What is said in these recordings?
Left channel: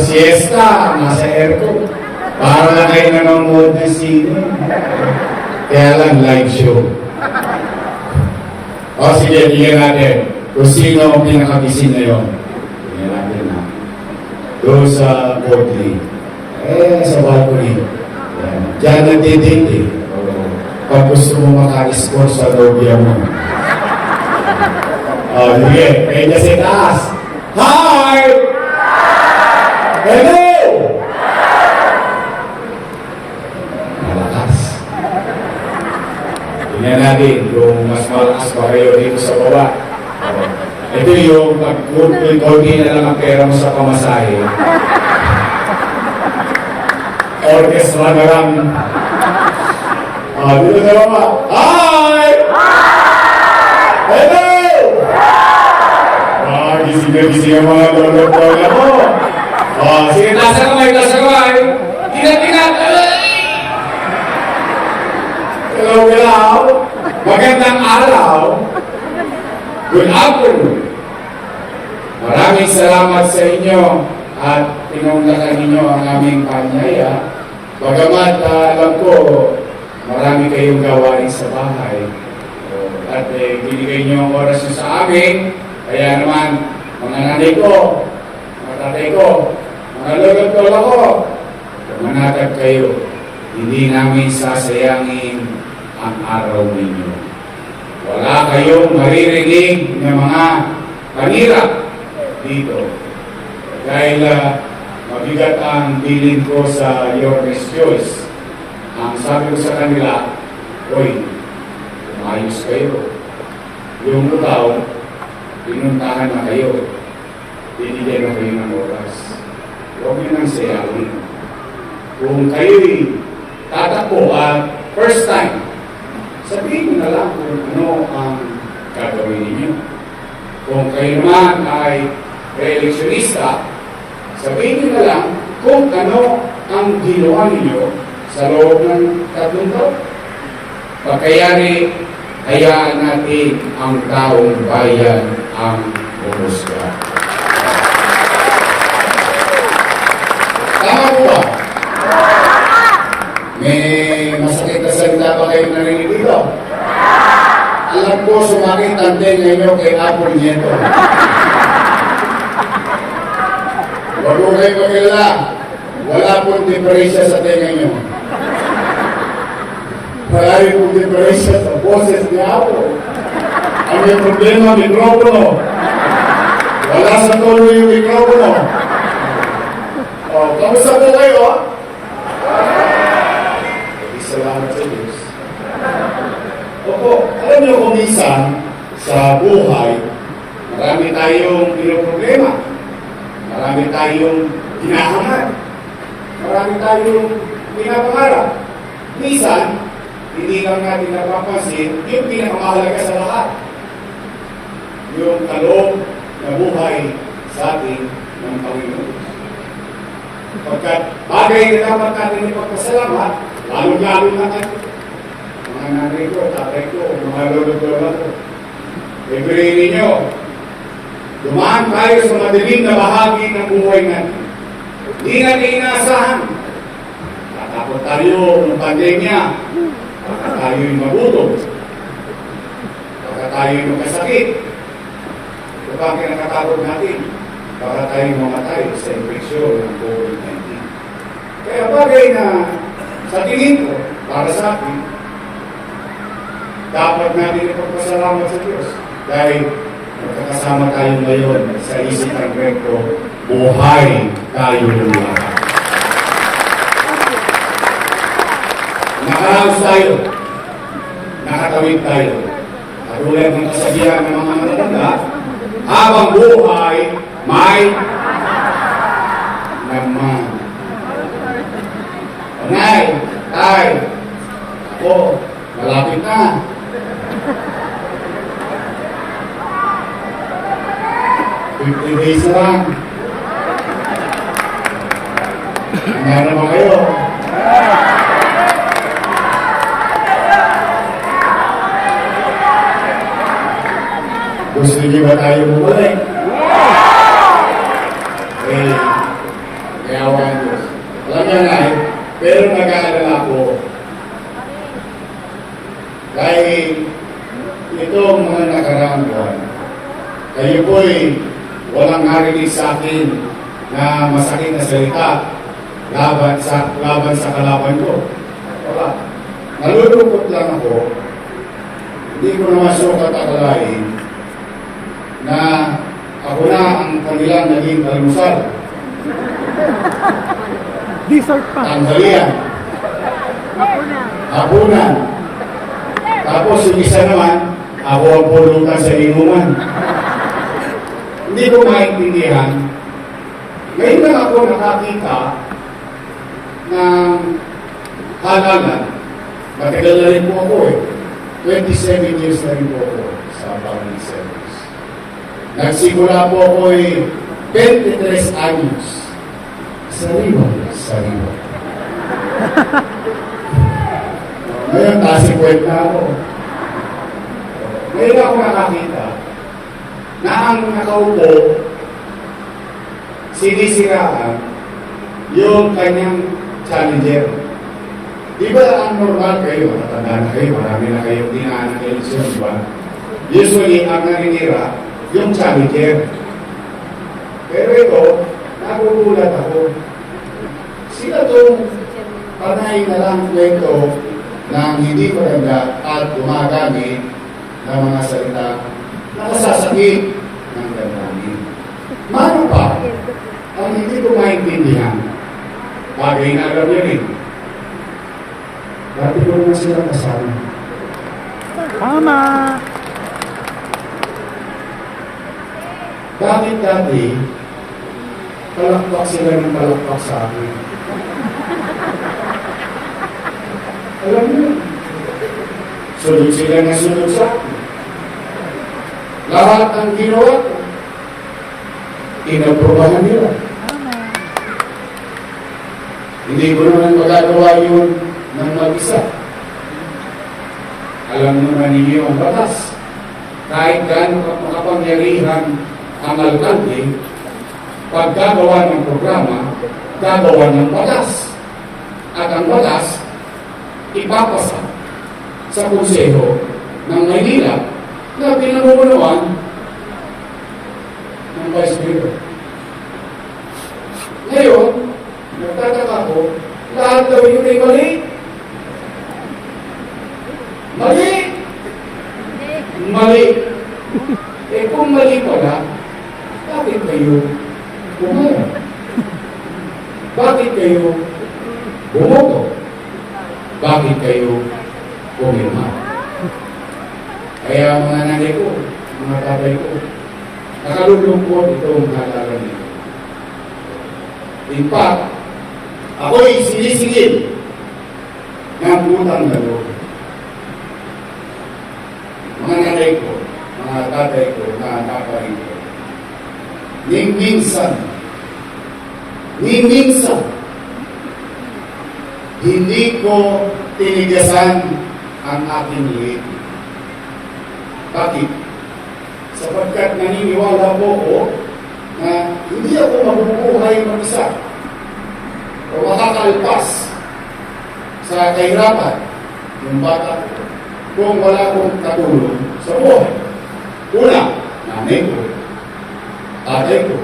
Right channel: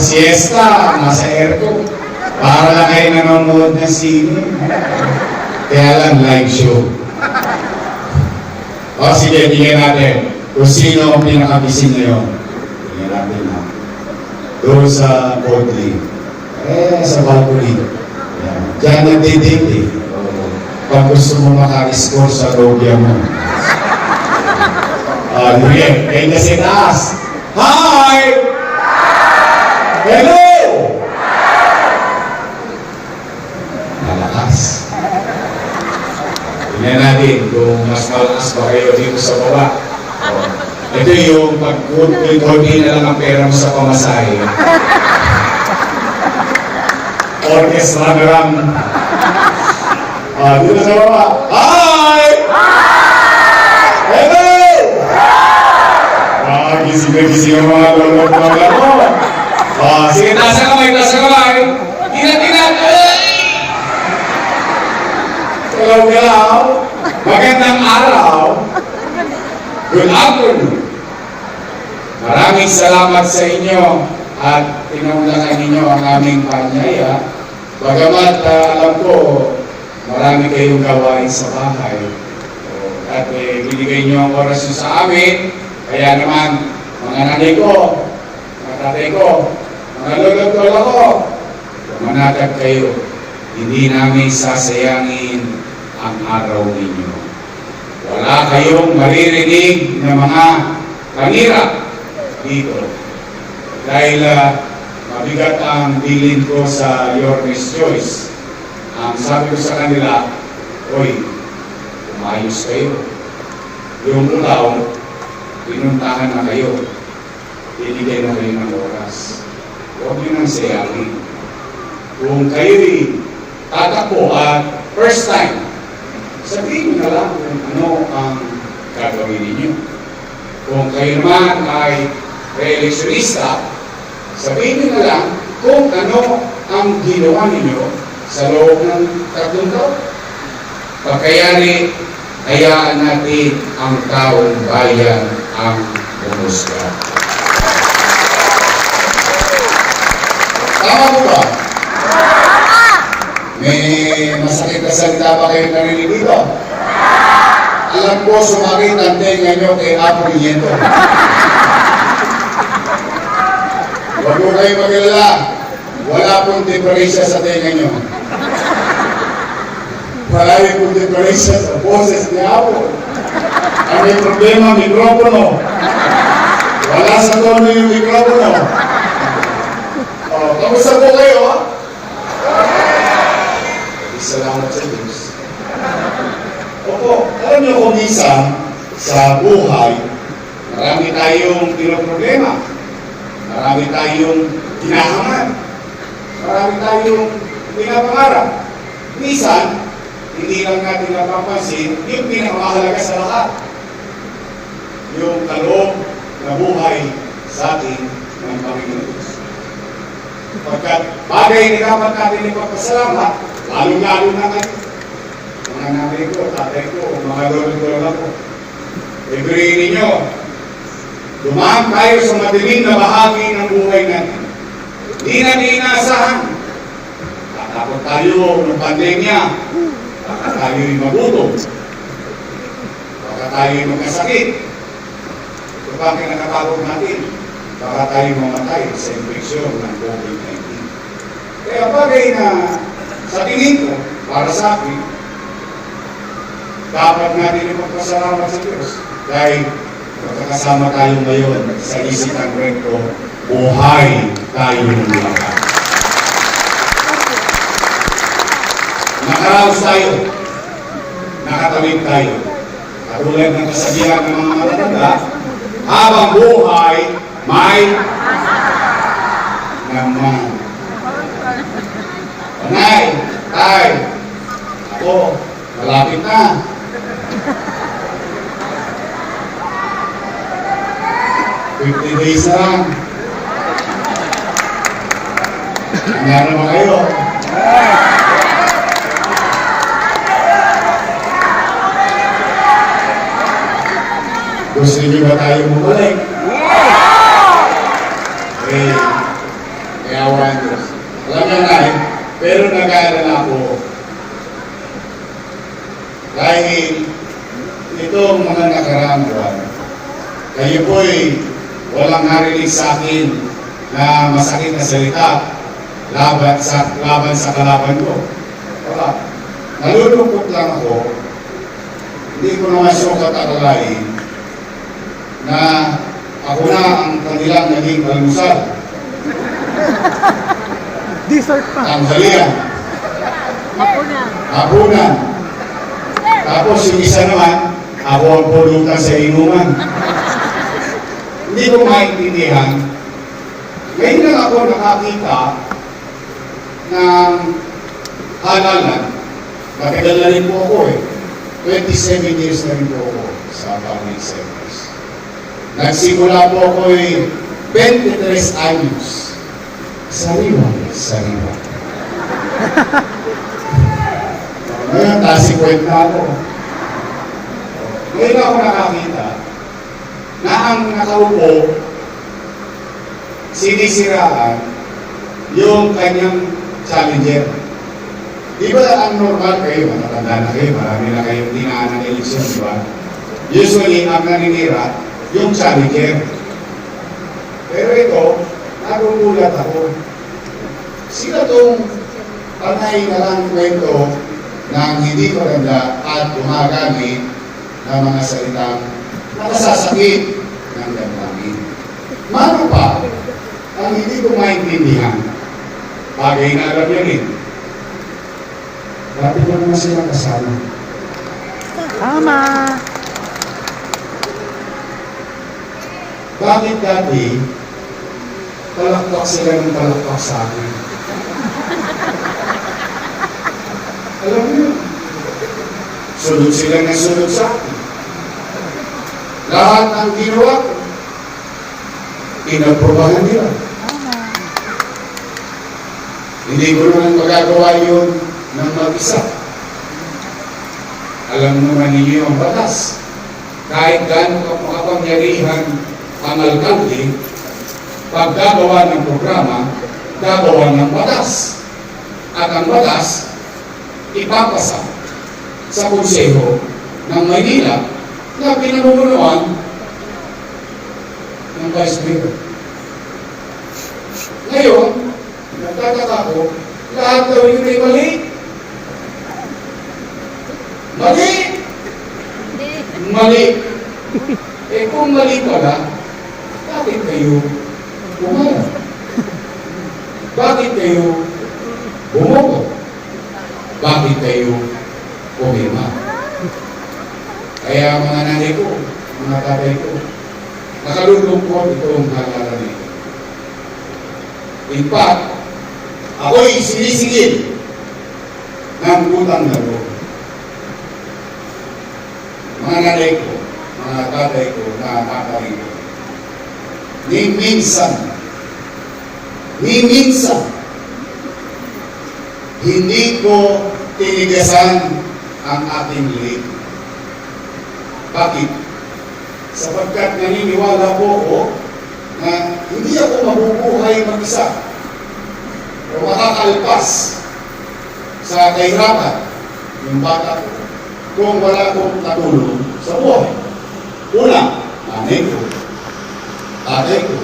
siesta, nasa aircon. Para lang kayo nanonood ng sine. Kaya lang live show. O sige, tingnan natin kung sino ang pinakagising ngayon. Tingnan natin ha. Doon sa Bodley. Sa balcony. Diyan nagdidate eh. Pag gusto mo maka-score sa lobya mo. Sige, may kasi taas. Hi! Hello! Malakas. Tingnan natin kung mas malakas ba kayo dito sa baba. Ito yung pag-kunti na lang ang pera mo sa pamasahe. Orchestra na lang. Dito sa baba. Hi! Hello! Gising na gising ang mga lolo-lola mo. Sige, taas ang kamay, taas ang kamay. Tinat-tinat. Hello. Magandang araw. Good afternoon. Maraming salamat sa inyo at pinunlakan ninyo ang aming panyaya. Bagamat alam ko, marami kayong gawain sa bahay. At binigay nyo ang oras nyo sa amin. Kaya naman, mga nanay ko, mga tatay ko, mga lolo-lola ko, manatag kayo. Hindi namin sasayangin ang araw ninyo. Wala kayong maririnig na mga panira dito. Dahil mabigat ang bilin ko sa Your Miss Joyce. Ang sabi ko sa kanila, "Hoy, umayos kayo. Yung utaw, pinuntahan na kayo. Binigay na kayo ng oras. Huwag nyo nang sayangin. Kung kayo'y tatakbo at first time, sabihin nyo na lang kung ano ang gagawin ninyo. Kung kayo naman ay re-electionista, sabihin nyo na lang kung ano ang ginawa ninyo sa loob ng 3 taon. Pagkayari, hayaan natin ang taong bayan ang humusga. Tama po ba? May masakit na salita ba kayo narinig dito? Alam ko, sumakit ang tenga nyo kay Apple Nieto. Huwag ko kayo magkilala. Wala pong diferensya sa tenga nyo. Marami pong diferensya sa boses ni Apple. Ang may problema, mikropono. Wala sa tono yung mikropono. Kamusta po kayo, ha? Salamat sa Diyos. Opo, alam niyo kung minsan sa buhay, marami tayong pinoproblema. Marami tayong kinahangad. Marami tayong pinapangarap. Minsan, hindi lang natin napapansin yung pinakamahalaga sa lahat. Yung kaloob na buhay sa atin ng Panginoon. Pagkat bagay na dapat natin ipagpasalamat, lalong-lalo na kayo. Mga nanay ko, tatay ko, mga lolo-lola ko. Librihin ninyo, dumaan tayo sa madilim na bahagi ng buhay natin. Hindi natin inaasahan. Tatakot tayo ng pandemya. Baka tayo'y magutom. Baka tayo'y magkasakit. Ito pa ang kinakatakot natin. Baka tayo'y mamatay sa infeksyon ng COVID-19. Kaya bagay na sa tingin ko, para sa akin, dapat natin ipagpasalamat sa Diyos. Dahil magkakasama tayo ngayon sa isipan ko, buhay tayo lahat. Nakaraos tayo, nakatawid tayo. Katulad ng kasabihan ng mga matatanda, habang buhay, may naman. Panay, tay, ako, malapit na. $50 days na lang. Handa naman kayo. Gusto niyo ba tayo bumalik? Okay. May awa ng Diyos. Alam niya na pero nag-aalala ko. Dahil itong mga nakaraang buwan, kayo po'y walang narinig sa akin na masakit na salita laban sa kalaban ko. Wala. Nalulungkot lang ako. Hindi ko naman sukat akalain na ako na ang kanilang naging almusal. Dessert pa. Tanghalian. Hapunan. Tapos yung isa naman, ako ang pulutan sa inuman. Hindi ko maintindihan. Ngayon lang ako nakakita ng halalan. Matagal na rin po ako 27 years na rin po ako sa public service. Nagsimula po ako 23 anyos. Sariwa. Ngayon, tasikwet na ako. Ngayon ako nakakita na ang nakaupo, sinisiraan yung kanyang challenger. Di ba ang normal kayo, matatanda na kayo, marami na kayong dinaan ng eleksyon, di ba? Usually, ang naninira, yung challenger. Pero ito, nagugulat ako. Sila itong panay na lang kwento ng hindi maganda at gumagamit ng mga salitang nakasasakit ng damdamin. Mano pa, ang hindi ko maintindihan, bagay na alam niya rin. Dati ko naman silang kasama. Tama. Bakit dati, palakpak sila ng palakpak sa akin? Alam mo, sunod sila ng sunod sa akin. Lahat ang ginawa ko, inaprubahan nila. Hindi ko naman magagawa yun ng mag-isa. Alam naman ninyo ang batas. Kahit gaano makapangyarihan ang alkalde, pag gagawa ng programa, gagawa ng batas. At ang batas, ipapasa sa Konseho ng Maynila na pinamumunuan ng Vice Mayor. Ngayon, nagtataka ko, lahat daw yun ay mali. Mali! Mali! Kung mali pala, bakit kayo pumayag? Bakit kayo bumoto? Bakit kayo pumirma? Kaya mga nanay ko, mga tatay ko, nakalulungkot itong halala nito. In fact, ako'y sinisigil ng utang na loob. Mga nanay ko, mga tatay ko, mga tatay ko, ni minsan, hindi ko tinigasan ang aking liit. Bakit? Sapagkat naniniwala po ko na hindi ako mabubuhay mag-isa o makakalpas sa kahirapan ng bata ko kung wala akong katulong sa buhay. Una, nanay ko, tatay ko,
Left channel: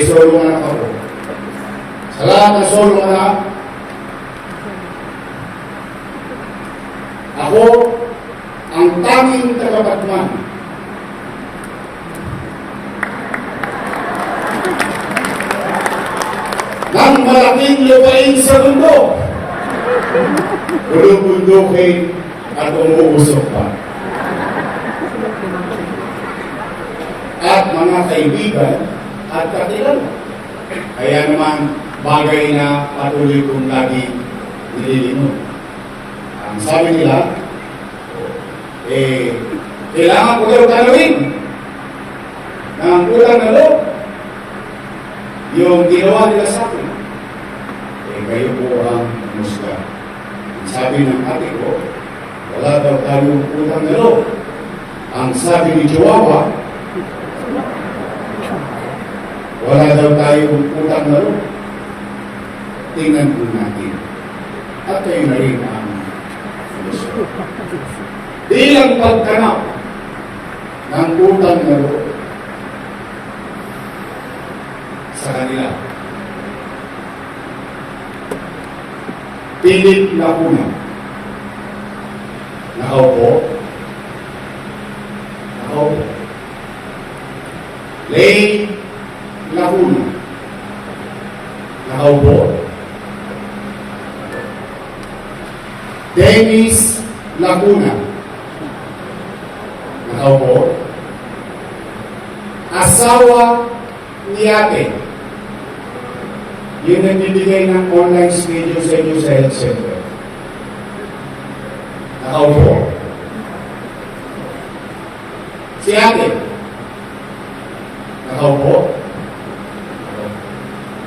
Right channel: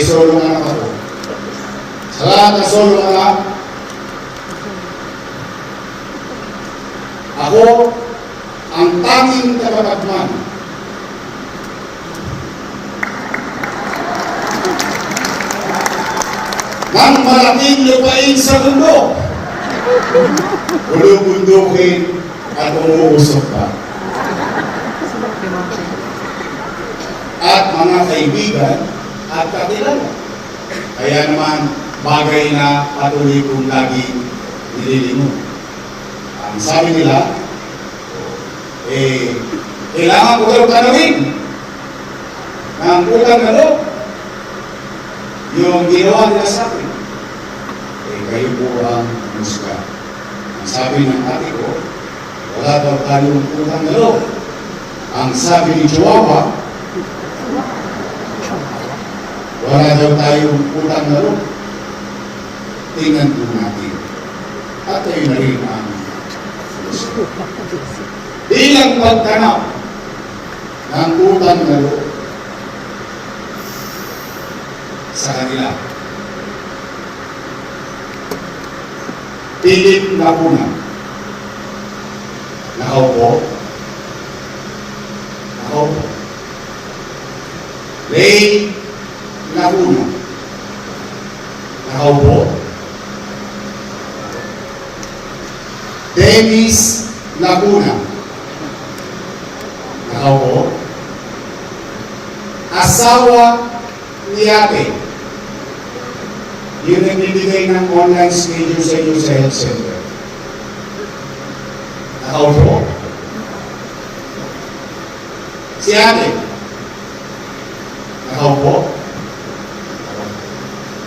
solo anak ako. Sa lahat ng solo anak, ako ang tanging tagapagman ng malaking lupain sa mundo. Bulubundukin at umuusok pa. At mga kaibigan at kakilala. Kaya naman bagay na patuloy kong lagi nililingon. Ang sabi nila, kailangan ko daw tanawin ng utang na loob yung ginawa nila sa akin. Kayo po ang musga. Ang sabi ng ate ko, wala daw tayong utang na loob. Ang sabi ni Chihuahua, Wala daw tayong utang na loob. Tingnan po natin. At kayo na rin ang gusto. Bilang pagkanaw ng utang na loob sa kanila. Philip Lacuna. Nakaupo. Nakaupo. Ray Lacuna. Nakaupo. Dennis Lacuna. Nakaupo. Asawa ni ate. Yung nagbibigay ng online schedule sa inyo sa health center. Nakaupo. Si ate. Nakaupo.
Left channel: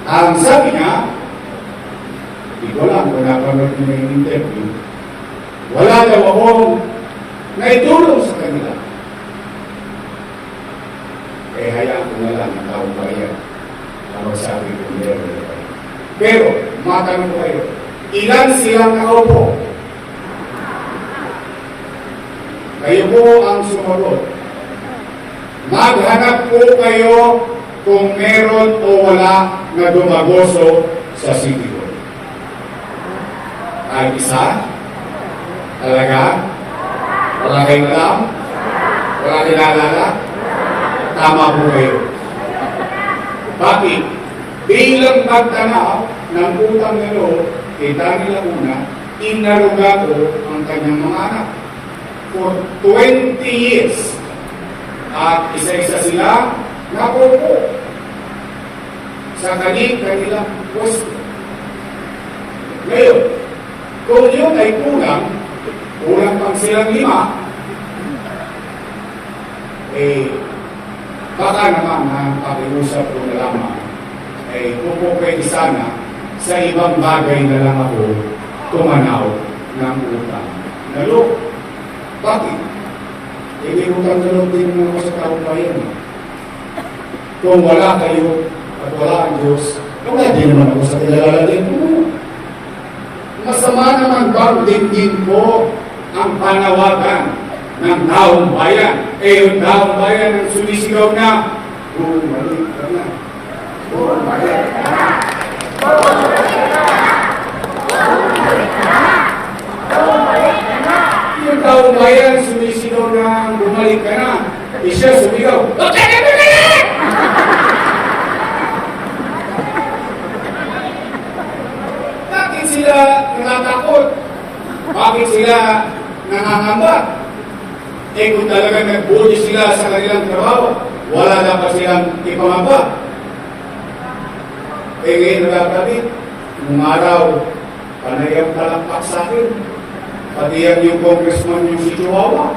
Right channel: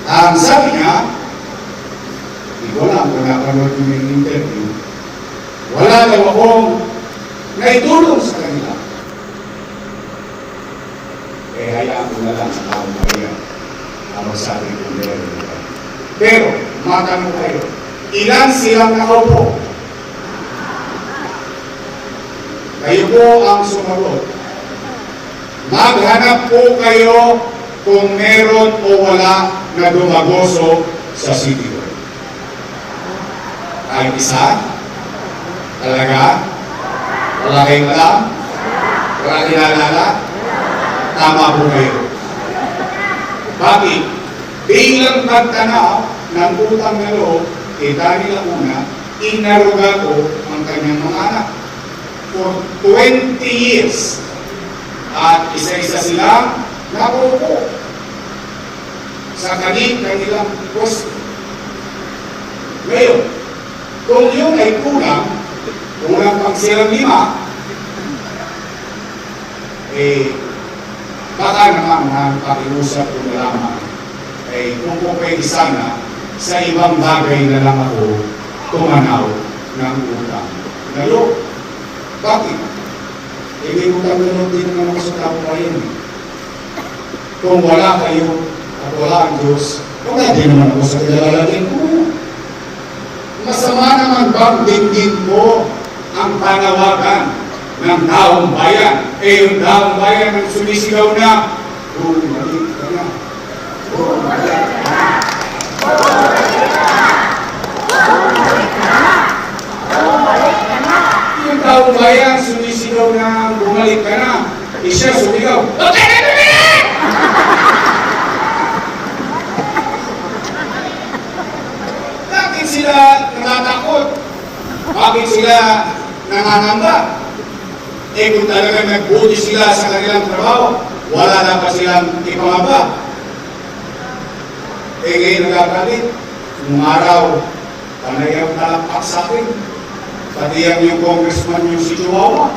Ang sabi niya, hindi ko lang kung napanood niyo yung interview, wala daw akong naitulong sa kanila. Eh, hayaan ko na lang sa taong bayan. Ang sabi ko nila. Pero, matanong ko kayo, ilan silang nakaupo? Kayo po ang sumagot. Maghanap po kayo kung meron o wala na dumagoso sa City Hall. Ay isa? Talaga? Wala kayong alam? Wala kinalala? Tama po kayo. Bakit? Bilang pagtanaw ng utang na loob, kita nila una, inaruga ko ang kanyang mga anak. For 20 years. At isa-isa sila nakupo sa kanilang pwesto. Ngayon, kung yun ay kulang pang silang 5, eh, baka naman ang pakiusap ko na lamang ay kung po pwede sana sa ibang bagay na lang ako tumanaw ng utang na loob. Bakit? Eh, may utang na loob din naman ako sa taong bayan. Kung wala kayo at wala ang Diyos, wala din naman ako sa kadalalagin ko. Masama naman bang dinggin ko ang panawagan ng taong bayan? Eh, yung taong bayan ang sumisigaw na, bumalik ka na. Bumalik ka na. Bumalik ka na. Bumalik ka na. Bumalik ka na. Yung taong bayan sumisigaw na, bumalik ka na. Eh, siya sumigaw, okay na bumalik! Bakit sila natatakot? Bakit sila nangangamba? Eh kung talagang nagbuti sila sa kanilang trabaho, wala dapat silang ipangamba. Eh ngayon nagkakalit, nung araw, panayang palakpak sa akin, pati yan yung congressman yung si Chihuahua.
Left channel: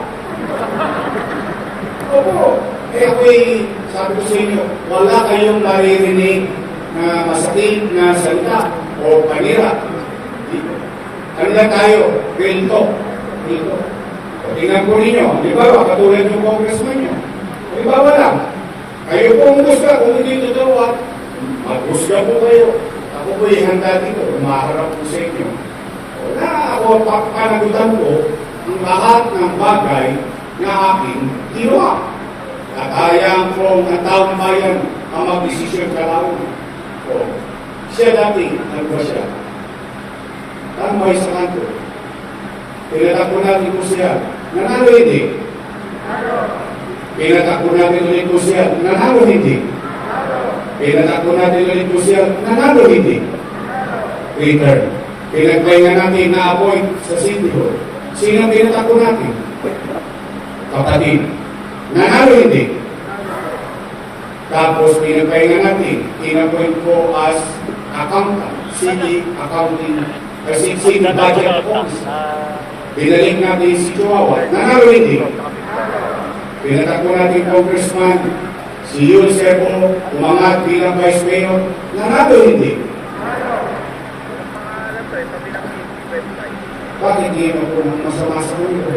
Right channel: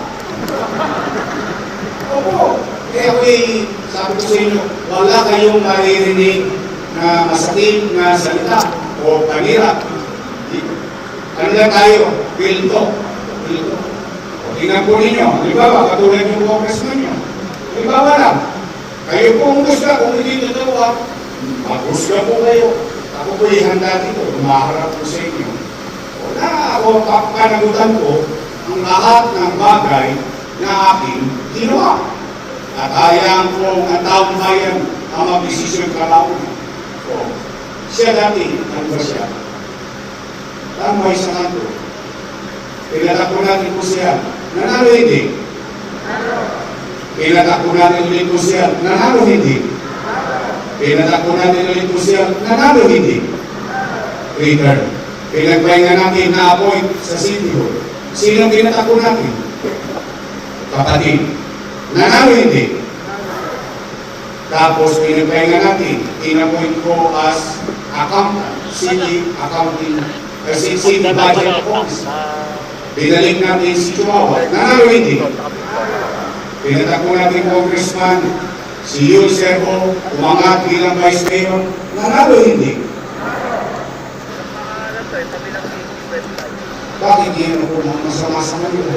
Opo, eh ako'y sabi ko sa inyo, wala kayong maririnig na masakit na salita o panira. Ano lang tayo? Pilto. Pilto. O tingnan po ninyo, di ba katulad yung congressman nyo? Di ba wala? Kayo po ang gusto, kung hindi totoo at mag-husga po kayo. Ako po ihanda dito, maharap po sa inyo. Wala ako panagutan ko ang lahat ng bagay na aking ginawa. At hayaan ko ang taong bayan ang mag-desisyon kalaunan. O, siya dati, ano ba siya? Tama sa kanto. Pinatakbo natin po siya. Nanalo hindi? Pinatakbo natin ulit po siya. Nanalo hindi? Pinatakbo natin ulit po siya. Nanalo hindi? Return. Pinagpahinga natin na-appoint sa City Hall. Sino pinatakbo natin? Kapatid. Nanalo hindi? Tapos pinagpahinga natin, in-appoint ko as accountant, city accounting, city budget office. Binalik natin si Chihuahua. Nanalo hindi? Pinatakbo natin congressman, si Yul Servo, umangat bilang vice mayor. Nanalo hindi? Bakit hindi mo po masama sa mundo?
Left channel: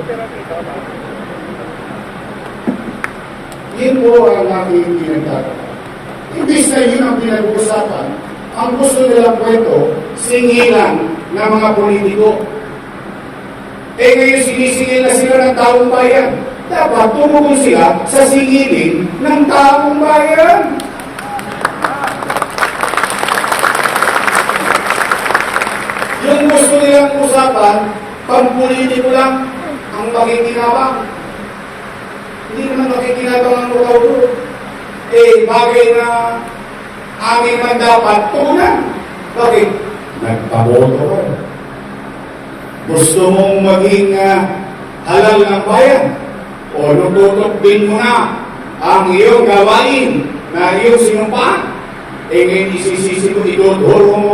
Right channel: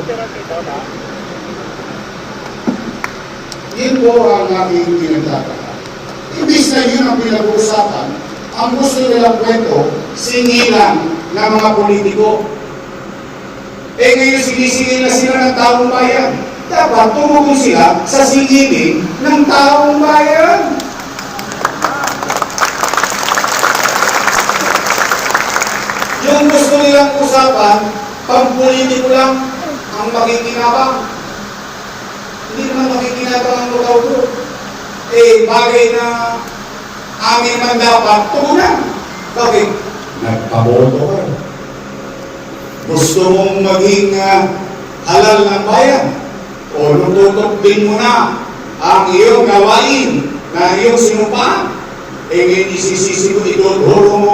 Yan po ang aking pinagtataka. Imbis na yun ang pinag-uusapan, ang gusto nilang kwento, singilan ng mga politiko. Eh ngayon sinisingil na sila ng taong bayan. Dapat tumugol sila sa singilin ng taong bayan. Yung gusto nilang usapan, pampolitiko lang ang makikinabang. Hindi naman makikinabang ang lukaw doon. Eh, bagay na amin man dapat tugunan. Bakit? Nagpaboto ka. Gusto mong maging halal ng bayan. O nututot din mo na ang iyong gawain na iyong sinumpaan. Eh ngayon isisisi mo, idodoro mo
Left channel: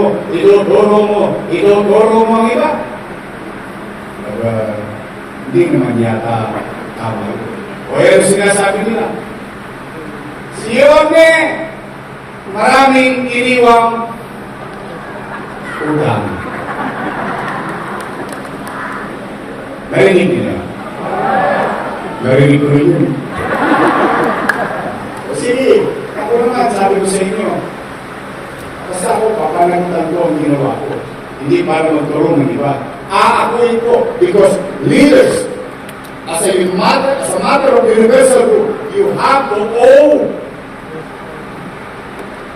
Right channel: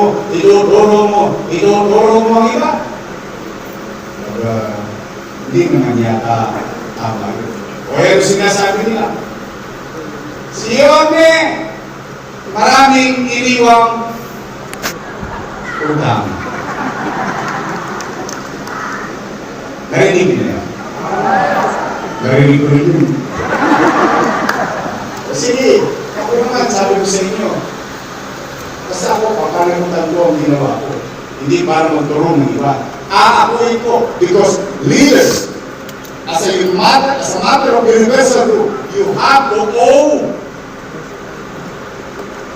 ang iba. Hindi naman yata tama yun. O yan sinasabi nila. Si Yorme, maraming iniwang utang. Narinig nila. Narinig ko rin yun. Sige, ako naman sabi ko sa inyo, basta ako papanagutan ko ang ginawa ko. Hindi para magkaroon ng iba. Aakuin ko because leaders, as a matter of universal rule, you have to owe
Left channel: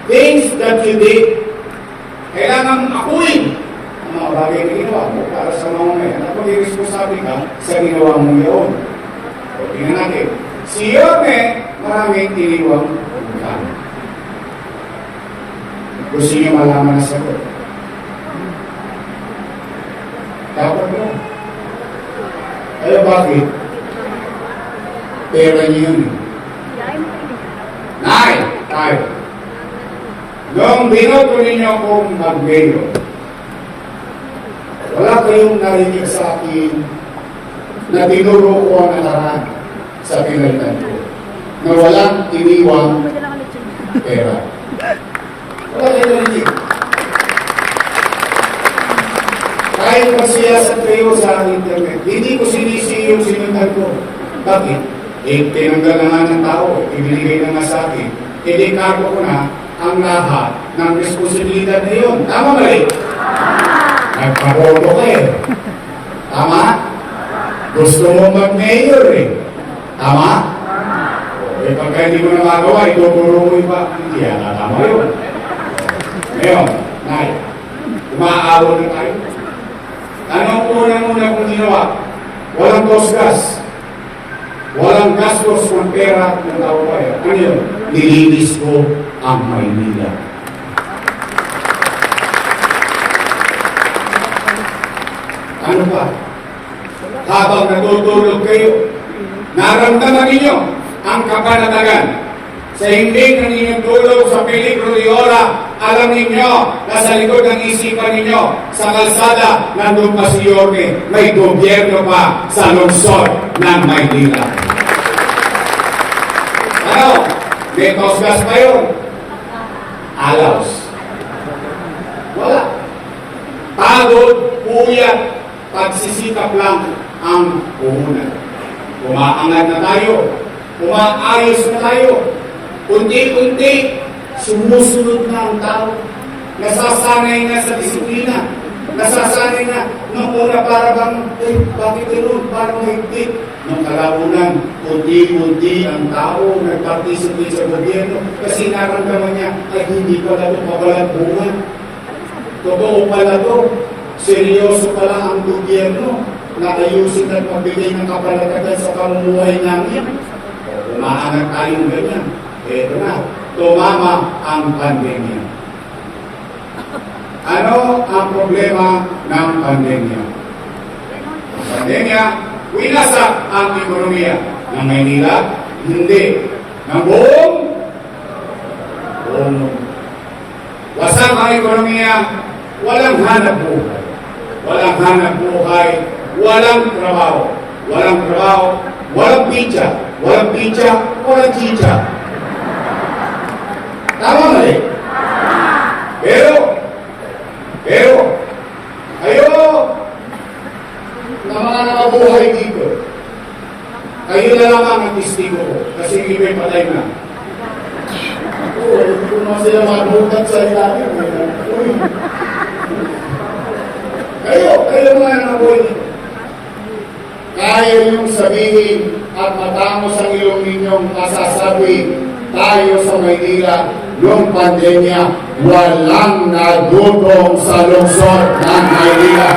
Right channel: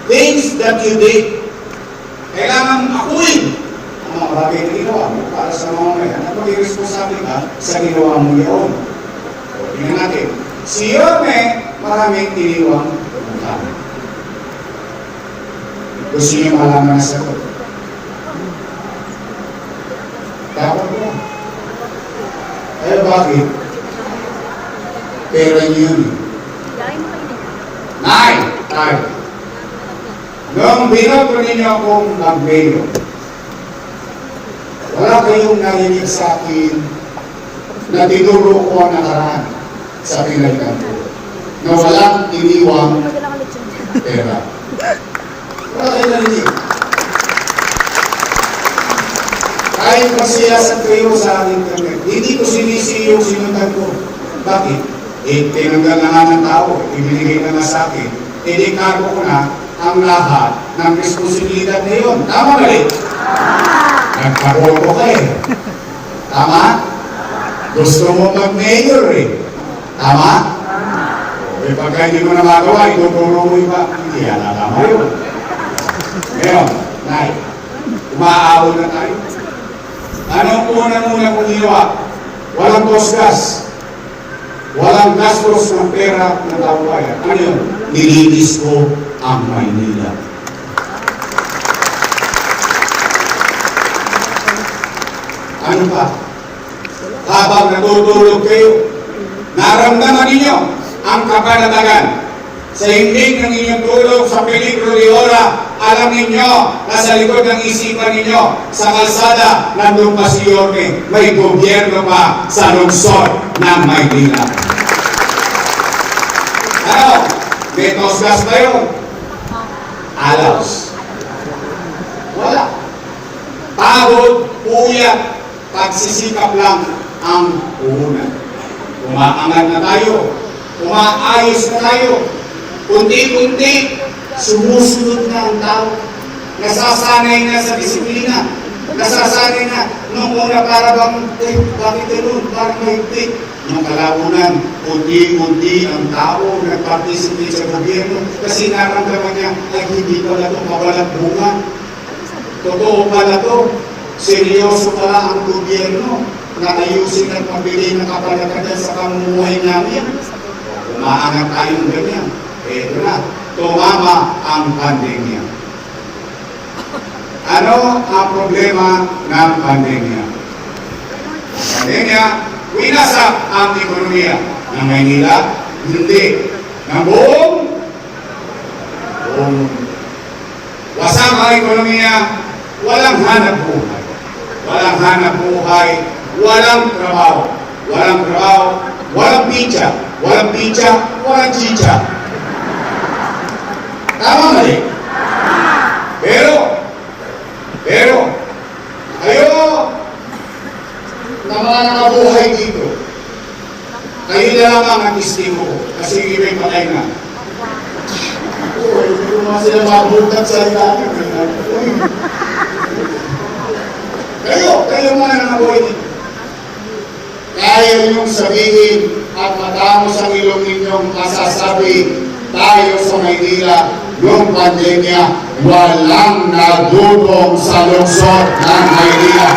things that you did. Kailangan akuin ang mga bagay na ginawa mo para sa mga ngayon at maging responsable ka sa ginawa mo yun. O, tingnan natin. Si Yorme, maraming iniwang utang. Gusto niyo malaman na sagot? Dapat ba? Eh bakit? Pera niyo yun eh. Nay! Tayo. Nung binoto ninyo akong mag-mayor, wala kayong narinig sa akin na tinuro ko ang nakaraan sa pinalitan ko. Na walang iniwang pera. Wala kayong narinig. Kahit magsiyasat kayo sa internet, hindi ko sinisi yung sinundan ko. Bakit? Eh, tinanggal na nga ng tao, ibinigay na nga sa akin. Idikado ko na ang lahat ng responsibilidad na yun. Tama ba rin? Nagpaboto ka eh. Tama? Gusto mo mag-mayor eh. Tama? Eh pagka hindi mo na magawa, ituturo mo iba. Hindi yan, tama yun. Ngayon, Nay, umaawal na tayo. Anong unang-una kong ginawa? Walang tosgas. Walang gastos ng pera ng tao bayan. Ano yun? Nilinis ko ang Maynila. Ano pa? Habang natutulog kayo, naramdaman ninyo ang kapanatagan. Sa hindi ng inyong tulog sa peligro de ora, alam ninyo na sa likod ng isipan ninyo, sa kalsada, nandun pa si Yorme, may gobyerno pa sa lungsod ng Maynila. Ano? May tosgas pa yun? Alaws. Wala. Pagod, puyat, pagsisikap lang ang puhunan. Umaangat na tayo, umaayos na tayo, unti-unti, sumusunod na ang tao. Nasasanay na sa disiplina. Nasasanay na. Nung una para bang, bakit ganun? Parang mahigpit. Nung kalaunan, unti-unti ang tao nag-participate sa gobyerno kasi naramdaman niya, ay hindi pala ito mabalat bunga. Totoo pala ito. Seryoso pala ang gobyerno na ayusin at magbigay ng kapanatagan sa pamumuhay namin. Umaangat tayong ganyan. Ito na, tumama ang pandemya. Ano ang problema ng pandemya? Pandemya, winasak ang ekonomiya ng Maynila, hindi. Ng buong wasak ang ekonomiya, walang hanap buhay. Walang hanap buhay, walang trabaho. Walang trabaho, walang pizza. Walang pizza, walang chicha. Tama mali? Pero, kayo na mga nakabuhay dito, kayo na lang ang testigo ko kasi yung iba'y patay na. Oo, naman sila mabutat sa ilalim. Kayo mga nangaboy dito. Kaya niyong sabihin at matamos ang ilong ninyong masasabi tayo sa Maynila noong pandemya, walang nadudong sa lungsod ng Maynila.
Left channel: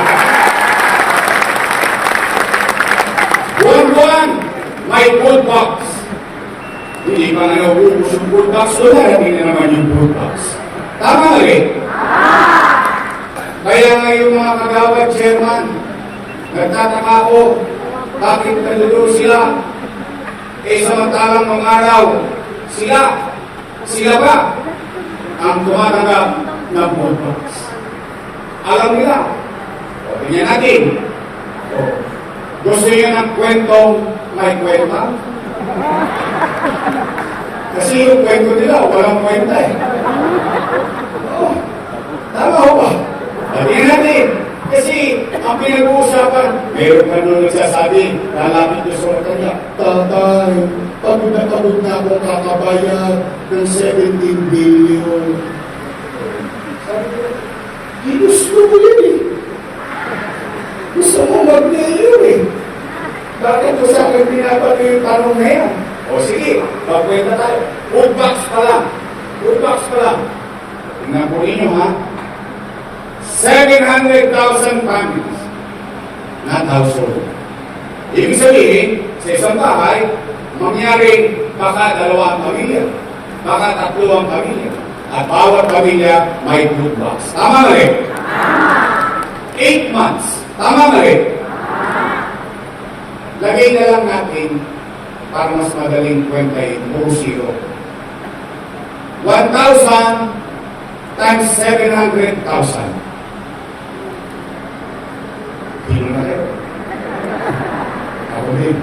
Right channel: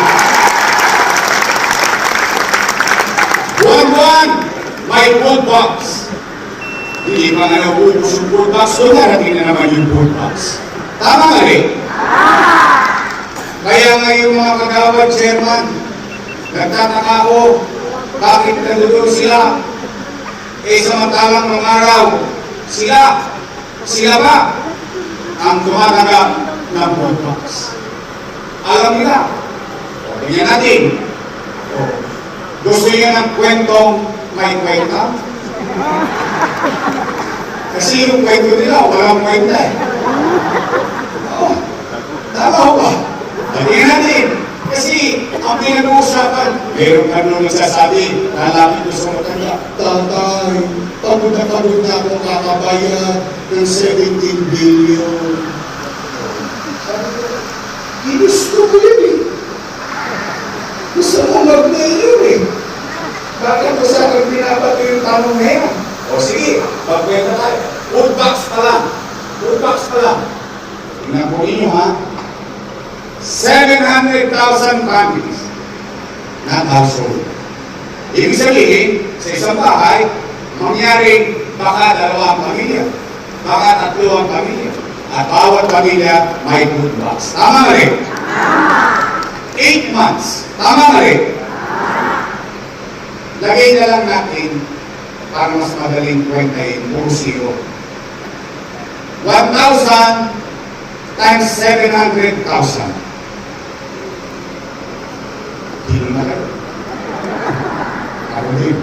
Buwan-buwan, may food box. Hindi pa nga naubos yung food box, so narating na naman yung food box. Tama nga rin. Kaya nga yung mga kagawad chairman, nagtataka ko, bakit nandoon sila? Samantalang mga araw, sila ba ang tumatanggap ng food box? Alam nila. O, ganyan natin. O, gusto niya ng kwentong may kwenta? Kasi yung kwento nila, walang kwenta eh. O, tama ho ba? Tingnan natin. Kasi ang pinag-uusapan, meron pa nung nagsasabi, lalapit ko sa mga kanya, Tatay, pagod na akong kakabayad ng 17 billion. Ginusto ko yun eh. Gusto mo mag-mayor eh. Bakit ko sa akin pinapati yung tanong na yan? O sige, pagkwenta tayo. Food box pa lang. Food box pa lang. Tingnan po ninyo ha. 700,000 families na household. Ibig sabihin, sa isang bahay, mangyari baka 2 pamilya, baka 3 pamilya, at bawat pamilya may food box. Tama na rin? 8 months. Tama na rin? Lagay na lang natin para mas madaling kwentahin, puro zero. 1,000 times 700,000. Hilo na kayo. Ako din.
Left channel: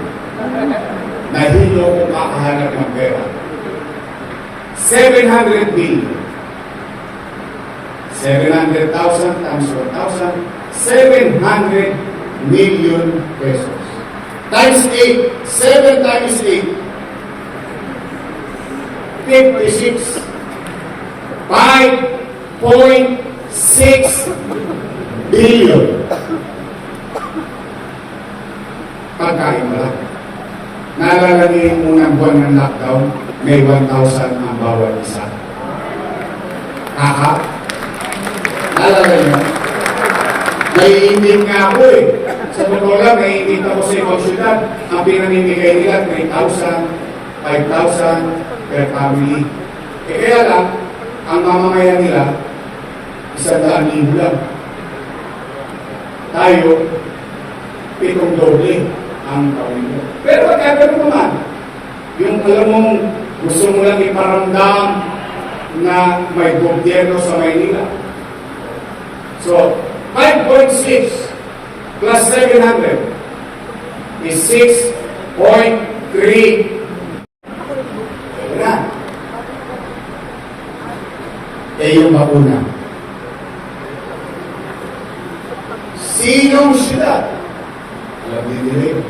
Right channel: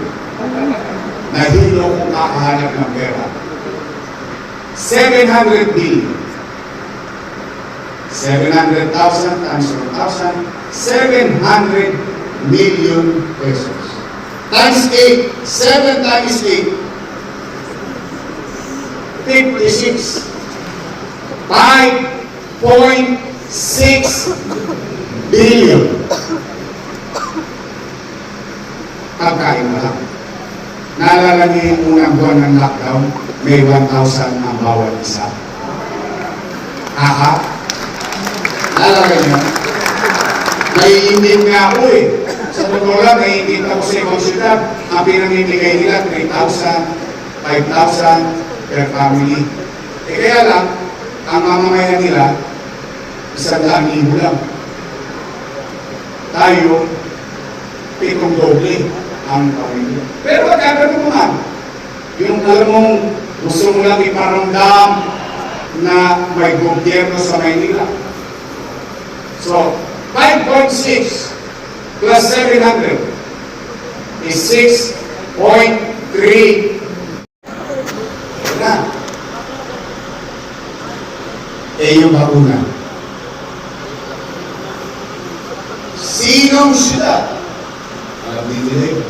Nahilo kung kakahanap ng pera. 700 billion. 700,000 times 1,000, 700 million pesos. Times 8, 7 times 8, 56. 5.6 billion. Pagkain na lang. Naalala niyo yung unang buwan ng lockdown, may 1,000 ang bawat isa. Naalala niyo? Naiindim nga ako eh. Sa totoo lang, naiindim ako sa ibang syudad. Ang pinamimigay nila, 3,000, 5,000 per family. Kaya lang, ang mamamayan nila, 100,000 lang. Tayo, 7 doble ang pamilya. Pero whatever naman, yung alam mong gusto mo lang iparamdam na may gobyerno sa Maynila. So, 5.6 plus 700 is 6.3. Ito na. Yung mauna. Sinong syudad? Alam niyo nila yun.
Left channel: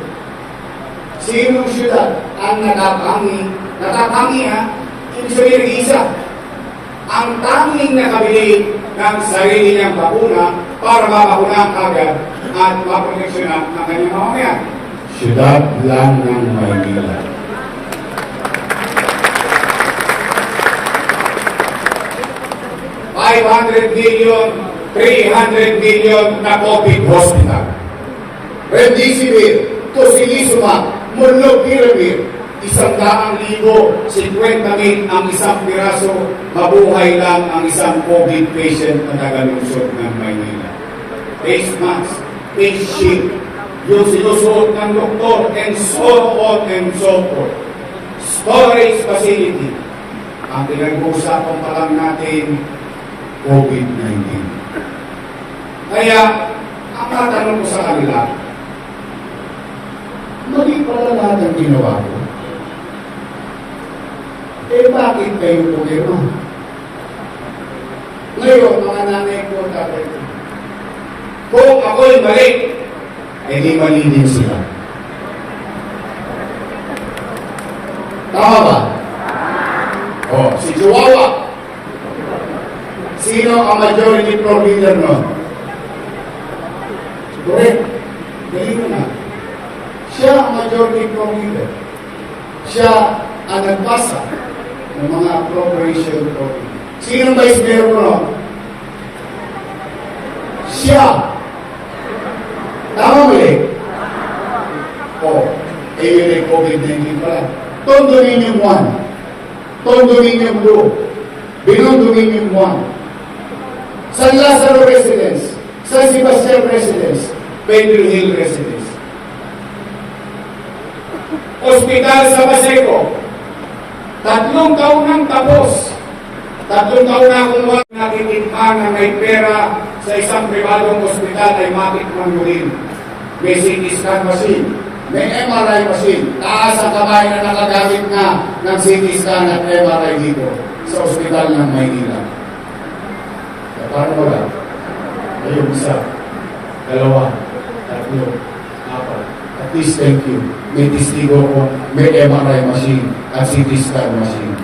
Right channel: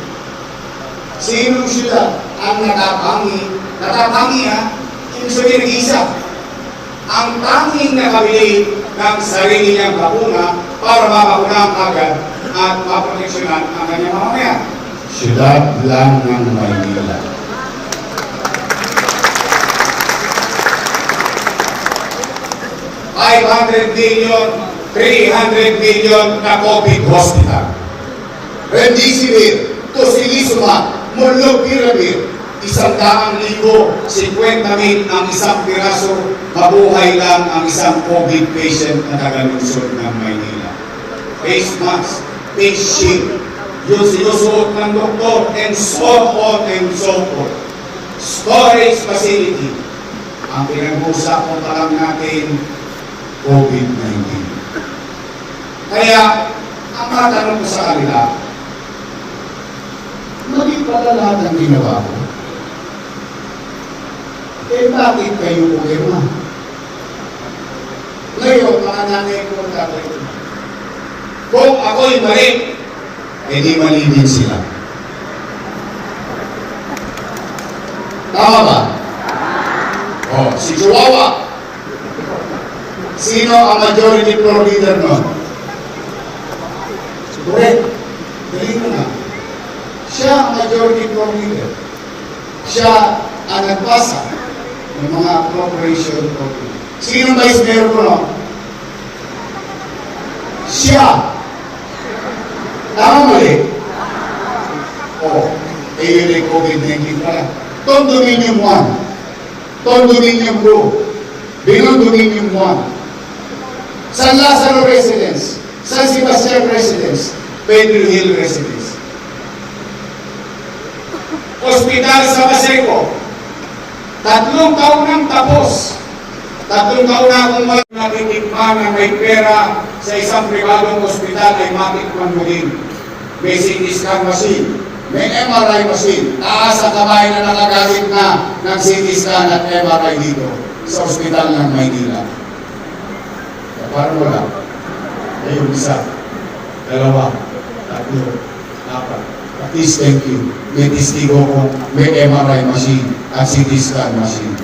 Sinong syudad ang natapangi ha? Yung sabihin isa. Ang tanging nakabili ng sarili niyang bakuna para mabakunahan agad at maproteksyonan ang kanyang mamamayan. Syudad lang ng Maynila. $500 billion, 300 billion na COVID hospital. Remdesivir, tocilizumab, molnupiravir, 100,050 ang isang piraso, mabuhay lang ang isang COVID patient na taga-lungsod ng Maynila. Face mask, face shield, yung sinusuot ng doktor, and so on and so forth. Storage facility. Ang pinag-uusapan pa lang natin, COVID-19. Kaya, ang matanong ko sa kanila, mali pala lahat ang ginawa ko. Bakit kayo problema? Ngayon, mga nanay ko at tatay ko, kung ako'y mali, di mali din sila. Tama ba? O, si Chihuahua, Sino ang majority floor leader no? Correct. Galing mo na. Siya ang majority floor leader. Siya ang nagpasa ng mga appropriation program. Sino ang vice mayor ko no? Siya. Tama mali? Oo. Eh yun ay COVID-19 pala. Tondo Dominion 1. Tondo Dominion 2. Binon Dominion 1. San Lazaro Residence. San Sebastian Residence. Pedro Hill Residence. Hospital sa Paseco. 3 taon nang tapos. 3 taon na akong natitikman na may pera sa isang pribadong ospital ay matikman mo din. May CT scan machine, may MRI machine, taas ang kamay na nakagamit na ng CT scan at MRI dito sa ospital ng Maynila. Paano wala? Ayun, 1, 2, 3, 4. At least thank you. May testigo ko, may MRI machine at CT scan machine.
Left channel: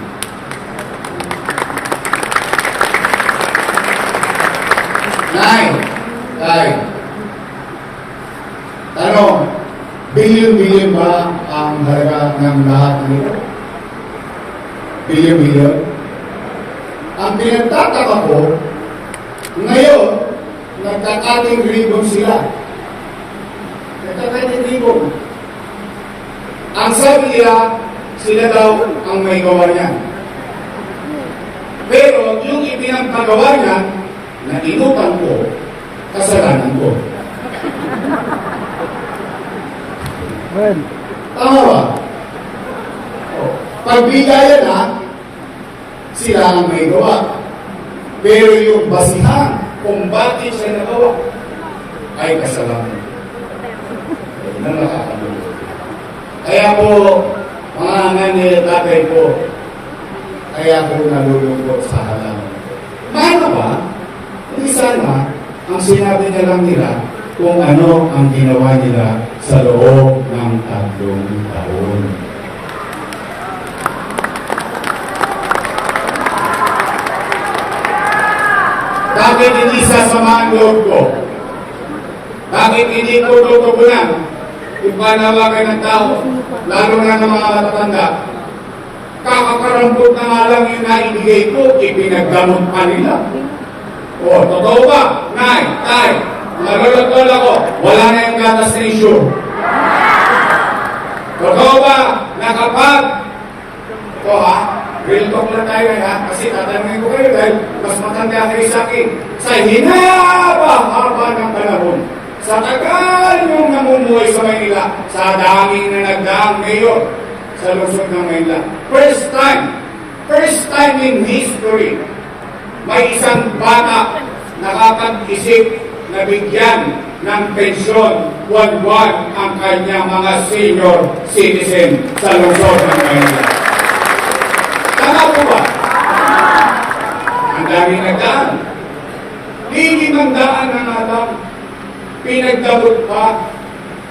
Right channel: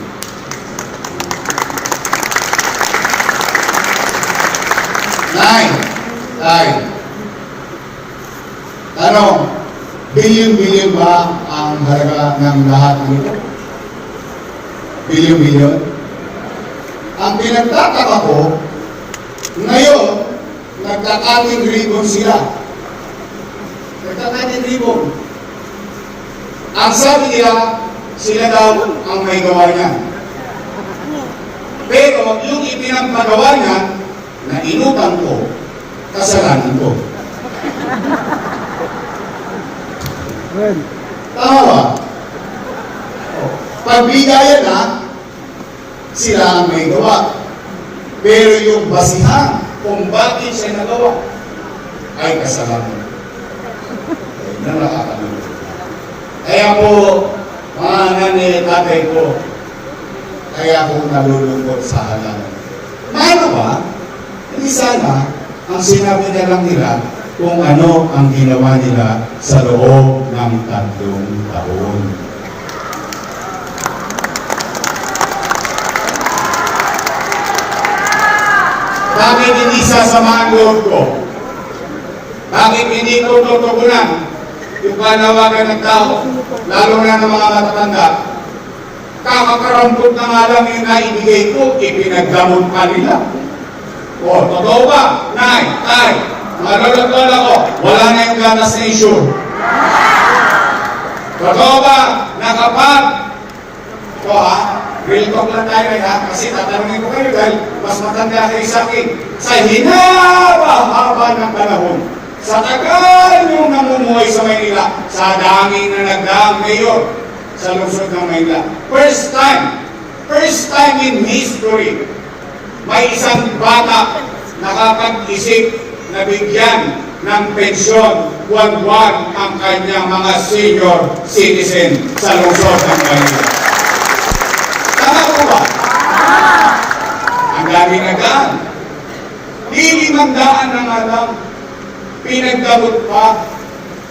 Ano, bilyon-bilyon ba ang halaga ng lahat nito? Bilyon-bilyon? Ang pinagtataka ko, ngayon, nagkakating ribbon sila. Nagkakating ribbon. Ang sabi nila, sila daw ang may gawa niya. Pero yung ipinagpagawa niya, na inutang ko, kasalanan ko. Well, Tama ba? Pagbigayan na, sila ang may gawa. Pero yung basihan kung bakit siya nagawa, ay kasalanan. Ayun ang nakakagulo. Kaya po, mga nanay at tatay ko, kaya ko nalulungkot sa halaman. Paano ba? Hindi sana ang sinabi na lang nila kung ano ang ginawa nila sa loob ng 3 taon. Bakit hindi sasama ang loob ko? Bakit hindi ko tutugunan yung panawagan ng tao, lalo na ng mga matatanda? Kakakarampot na nga lang yung naibigay ko, ipinagdamot pa nila. O, totoo ba? Nay, tay, nalulagol ako, wala na yung gatas na issue. Totoo ba na kapag, ito ha, real talk lang tayo ha, kasi tatanungin ko kayo dahil mas matanda kayo sa akin. Sa hinaba-haba ng panahon, sa tagal yung namumuhay sa Maynila, sa dami na nagdaang mayor sa lungsod ng Maynila. First time in history, may isang bata nakapag-isip na bigyan ng pensyon buwan-buwan ang kanyang mga senior citizen sa lungsod ng Maynila. Tama po ba? Ang dami nagdaan. Lilimandaan na nga lang. Pinagdabot pa.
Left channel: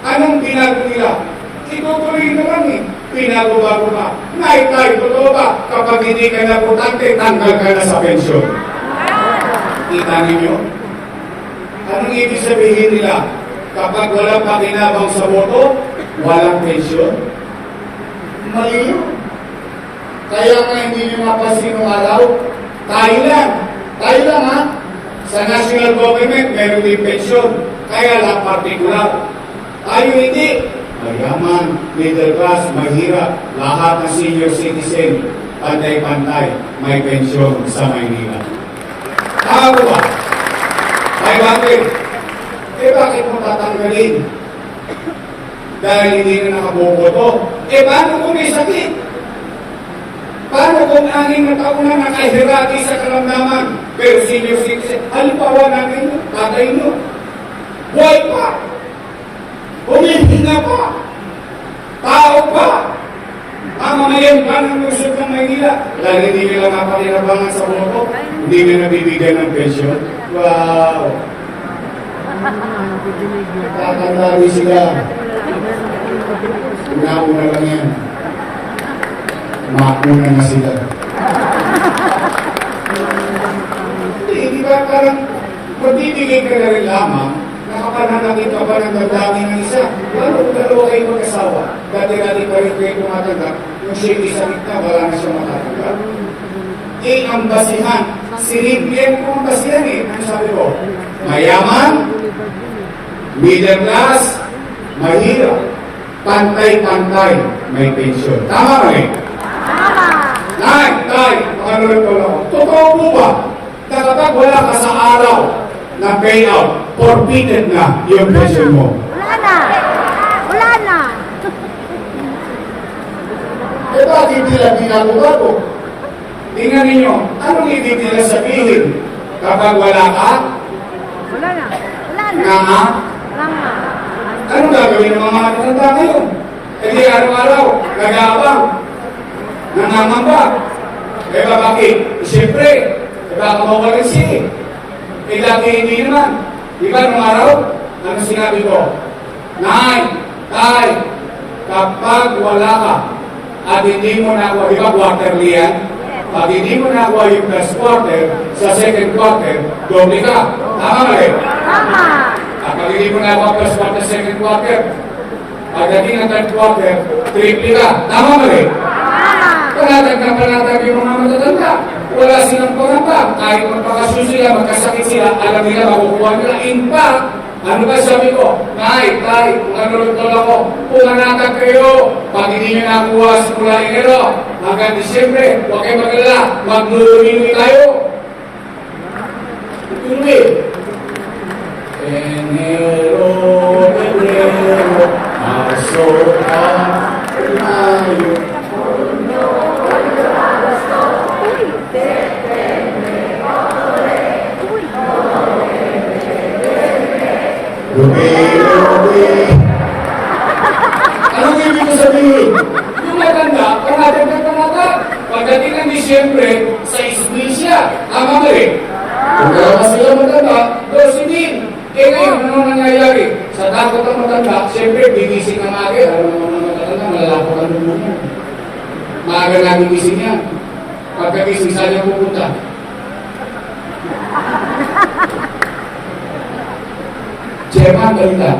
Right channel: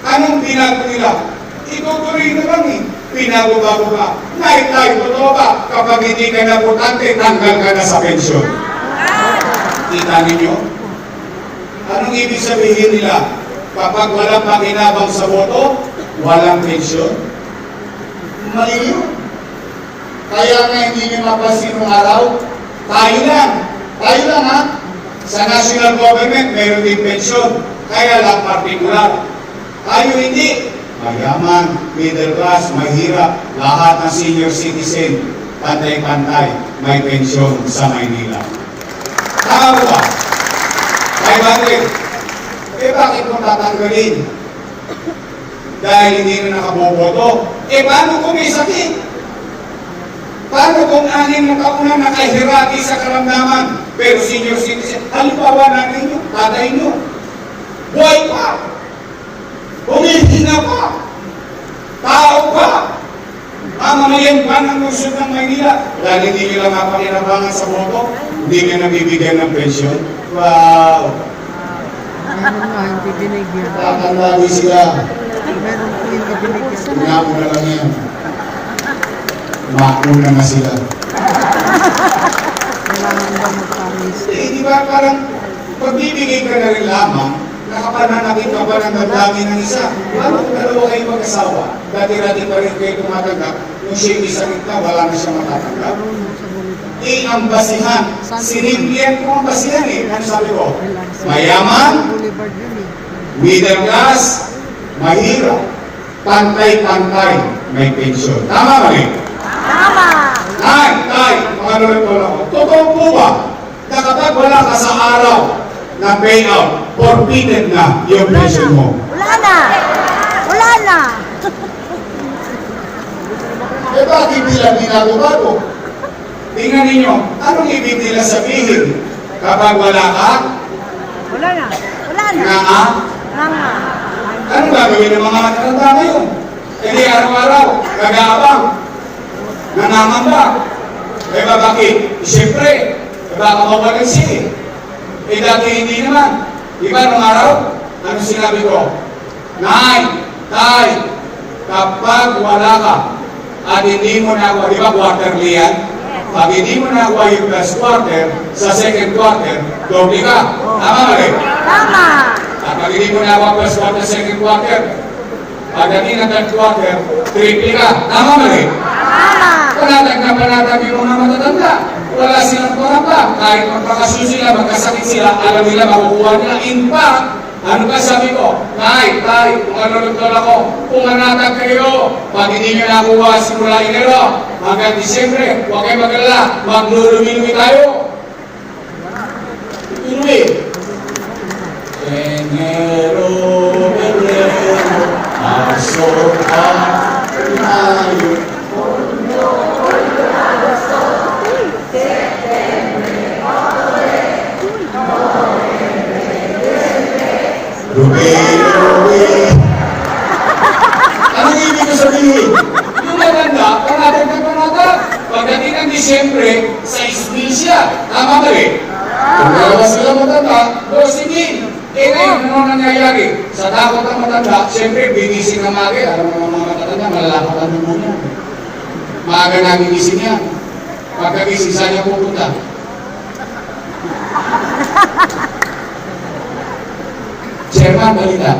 Anong binago nila? Itutuloy na lang eh. Pinago-bago na. Nay, totoo ba? Kapag hindi ka na butante, tanggal ka na sa pensyon. Kita ninyo? Anong ibig sabihin nila? Kapag walang pakinabang sa boto, walang pensyon? Mali yun. Kaya nga hindi nyo mapasin ng araw, tayo lang ha? Sa national government, meron din pensyon. Kaya lang partikular. Tayo hindi. Mayaman, middle class, mahirap, lahat ng senior citizen, pantay-pantay, may pensyon sa Maynila. Tama ba? 500. Bakit mo tatanggalin? Dahil hindi na nakaboboto. Paano kung may sakit? Paano kung 6 na taon na nakahirati sa karamdaman? Pero senior citizen, halimbawa namin nyo, tatay nyo, buhay pa, humihina pa, tao pa, ang mga yan pa ng lungsod ng Maynila, lalo hindi nyo lang napakinabangan sa boto, hindi nyo nabibigyan ng pensyon. Wow! Tatandawin sila. Inauna lang yan. Umakuna na sila. Hindi, di ba parang pagbibigay ka na rin lamang, nakapananakit ka pa ng damdamin ng isa. Paano kung dalawa kayo mag-asawa? Dati-dati pa rin kayo tumatanggap, yung shady sa gitna, wala na siya matatanggap. Ang basihan, sinigyan ko ang basihan Ano sabi ko? Mayaman, middle class, mahirap, pantay-pantay, may pensyon. Tama mali? Tay, mga lulutol ako. Totoo po ba na kapag wala ka sa araw ng payout, forfeited na yung pension mo? Wala na! Wala na! Bakit nila ginagawa? Tingnan ninyo, anong ibig nila sabihin? Kapag wala ka, Wala na! Wala na! nga, anong gagawin ng mga matanda ngayon? Hindi araw-araw, nag-aabang, nangangamba. Bakit? Siyempre, baka mawalan siya dati hindi naman. Diba nung araw, ano sinabi ko? Tay, kapag wala ka, at hindi mo nakuha, di ba quarterly yan? Pag hindi mo nakuha yung first quarter, sa second quarter, doble ka. Tama mali? At pag hindi mo nakuha first quarter, second quarter, pagdating ng third quarter, triple ka. Tama mali? Panatag yung mga matatanda. Wala silang panatag. Kahit magpakasyon sila, magkasakit sila, alam nila, makukuha nila. In fact, ano ba sabi ko? Tay, kung ano ako, kung manatag kayo, pag hindi nyo nakuha simula Enero, hanggang Disyembre, huwag kayo mag-alala, maglulumi-lumi tayo. Lumi. Enero, Pebrero, Marso, Mayo, Rubi. Anong ibig ko sabihin? Yung maganda, panatag. Pagdating ng Disyembre, sa isbil siya. Tama ba rin? Kung wala sila maganda, sige. Ngayon, ano nangyayari? Sa takot ng matanda, siyempre, binising ang magi. Alam mo mga matanda, malalakot ang lumuno. Maaga namin gising yan. Pagkagising, saan niya pupunta? Chairman, balita.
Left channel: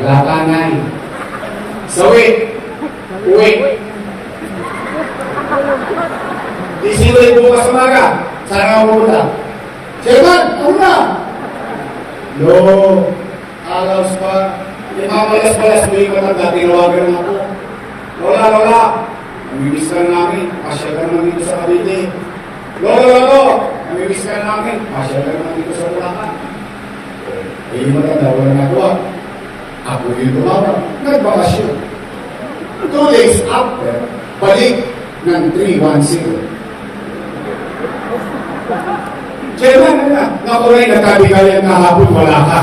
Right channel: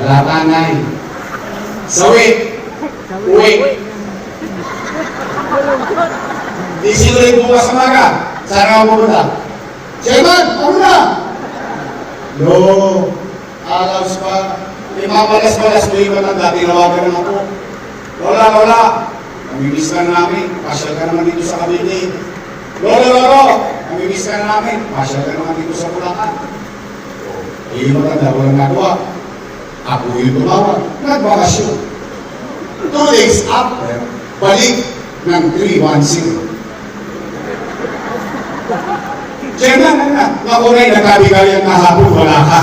Wala pa nga Sawi. Uwi. Di sino rin bukas sa maga. Saan ka pupunta? Chairman, ano na? No. Alaws pa. Imamalas-balas mo yung matanda. Tinawagan ng ako. Lola. Namimiss ka na namin. Pasyal ka naman dito sa Cavite. Lolo. Namimiss ka na namin. Pasyal ka naman dito sa Bulacan. Yung maganda, walang nakuha. Ako yung tumawag. Nagbakasyon. 2 days after, balik ng 310. Chairman, ako rin nagkabigayan na hapon, wala ka.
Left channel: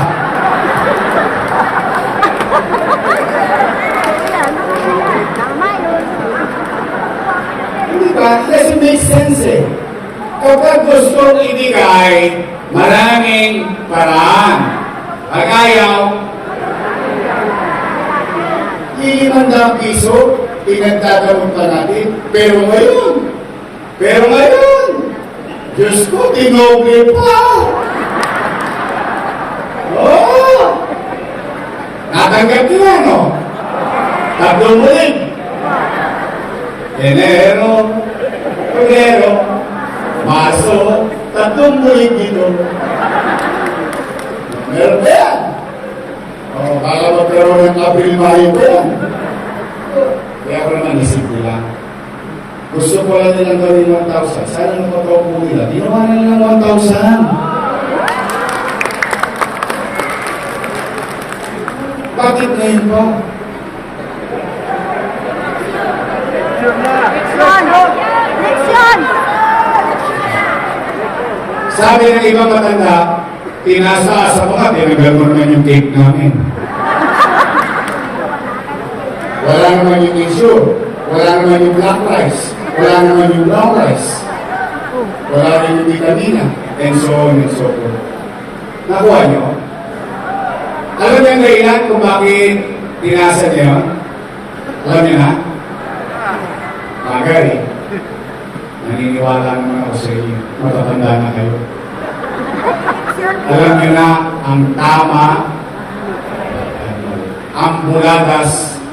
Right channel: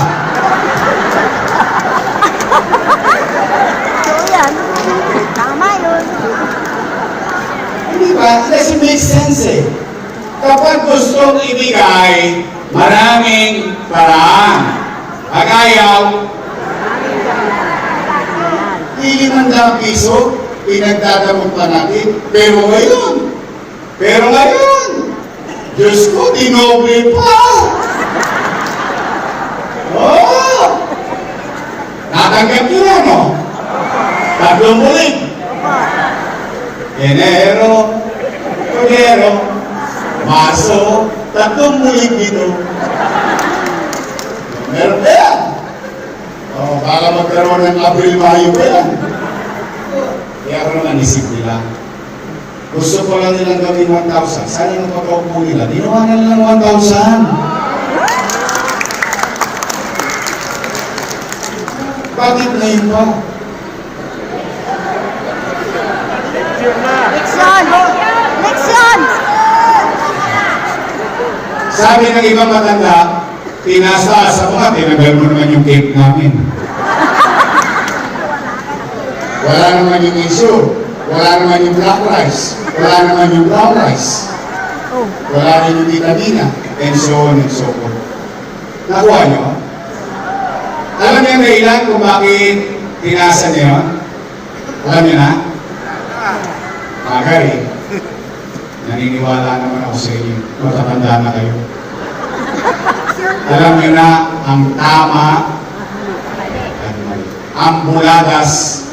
Hindi ba? It doesn't make sense Kapag gustong ibigay, maraming paraan. Agayaw, 500 piso, pinagdadamot pa natin. Pero ngayon, Diyos ko, dinoble pa. Natanggap nyo ano? 3 bulig. Enero, Febrero, Marso, 3 bulig dito. Meron ba yan? Baka magkaroon ng Abril-Mayo ba yan? Kaya ko naman isip nila. Gusto ko lang nilang gawin 1,000. Sana napapaupo nila. Ginawa na lang 1,000. Bakit na yun pa? Leksyon! Sabi ng ibang matanda, tinasa sa mga, tinagal mo naman yung cake namin. Wala naman yung issue. Wala naman yung black rice. Wala naman yung brown rice. Wala rin yung vitamina. And so on and so forth. Nakuha nyo? Alam niyo ang dahilan kung bakit tinasa niyo? Alam niyo na? Bagay. naniniwala naman ako sa inyo. Matatanda na kayo. Alam niyo na ang tama at mali. Ang buladas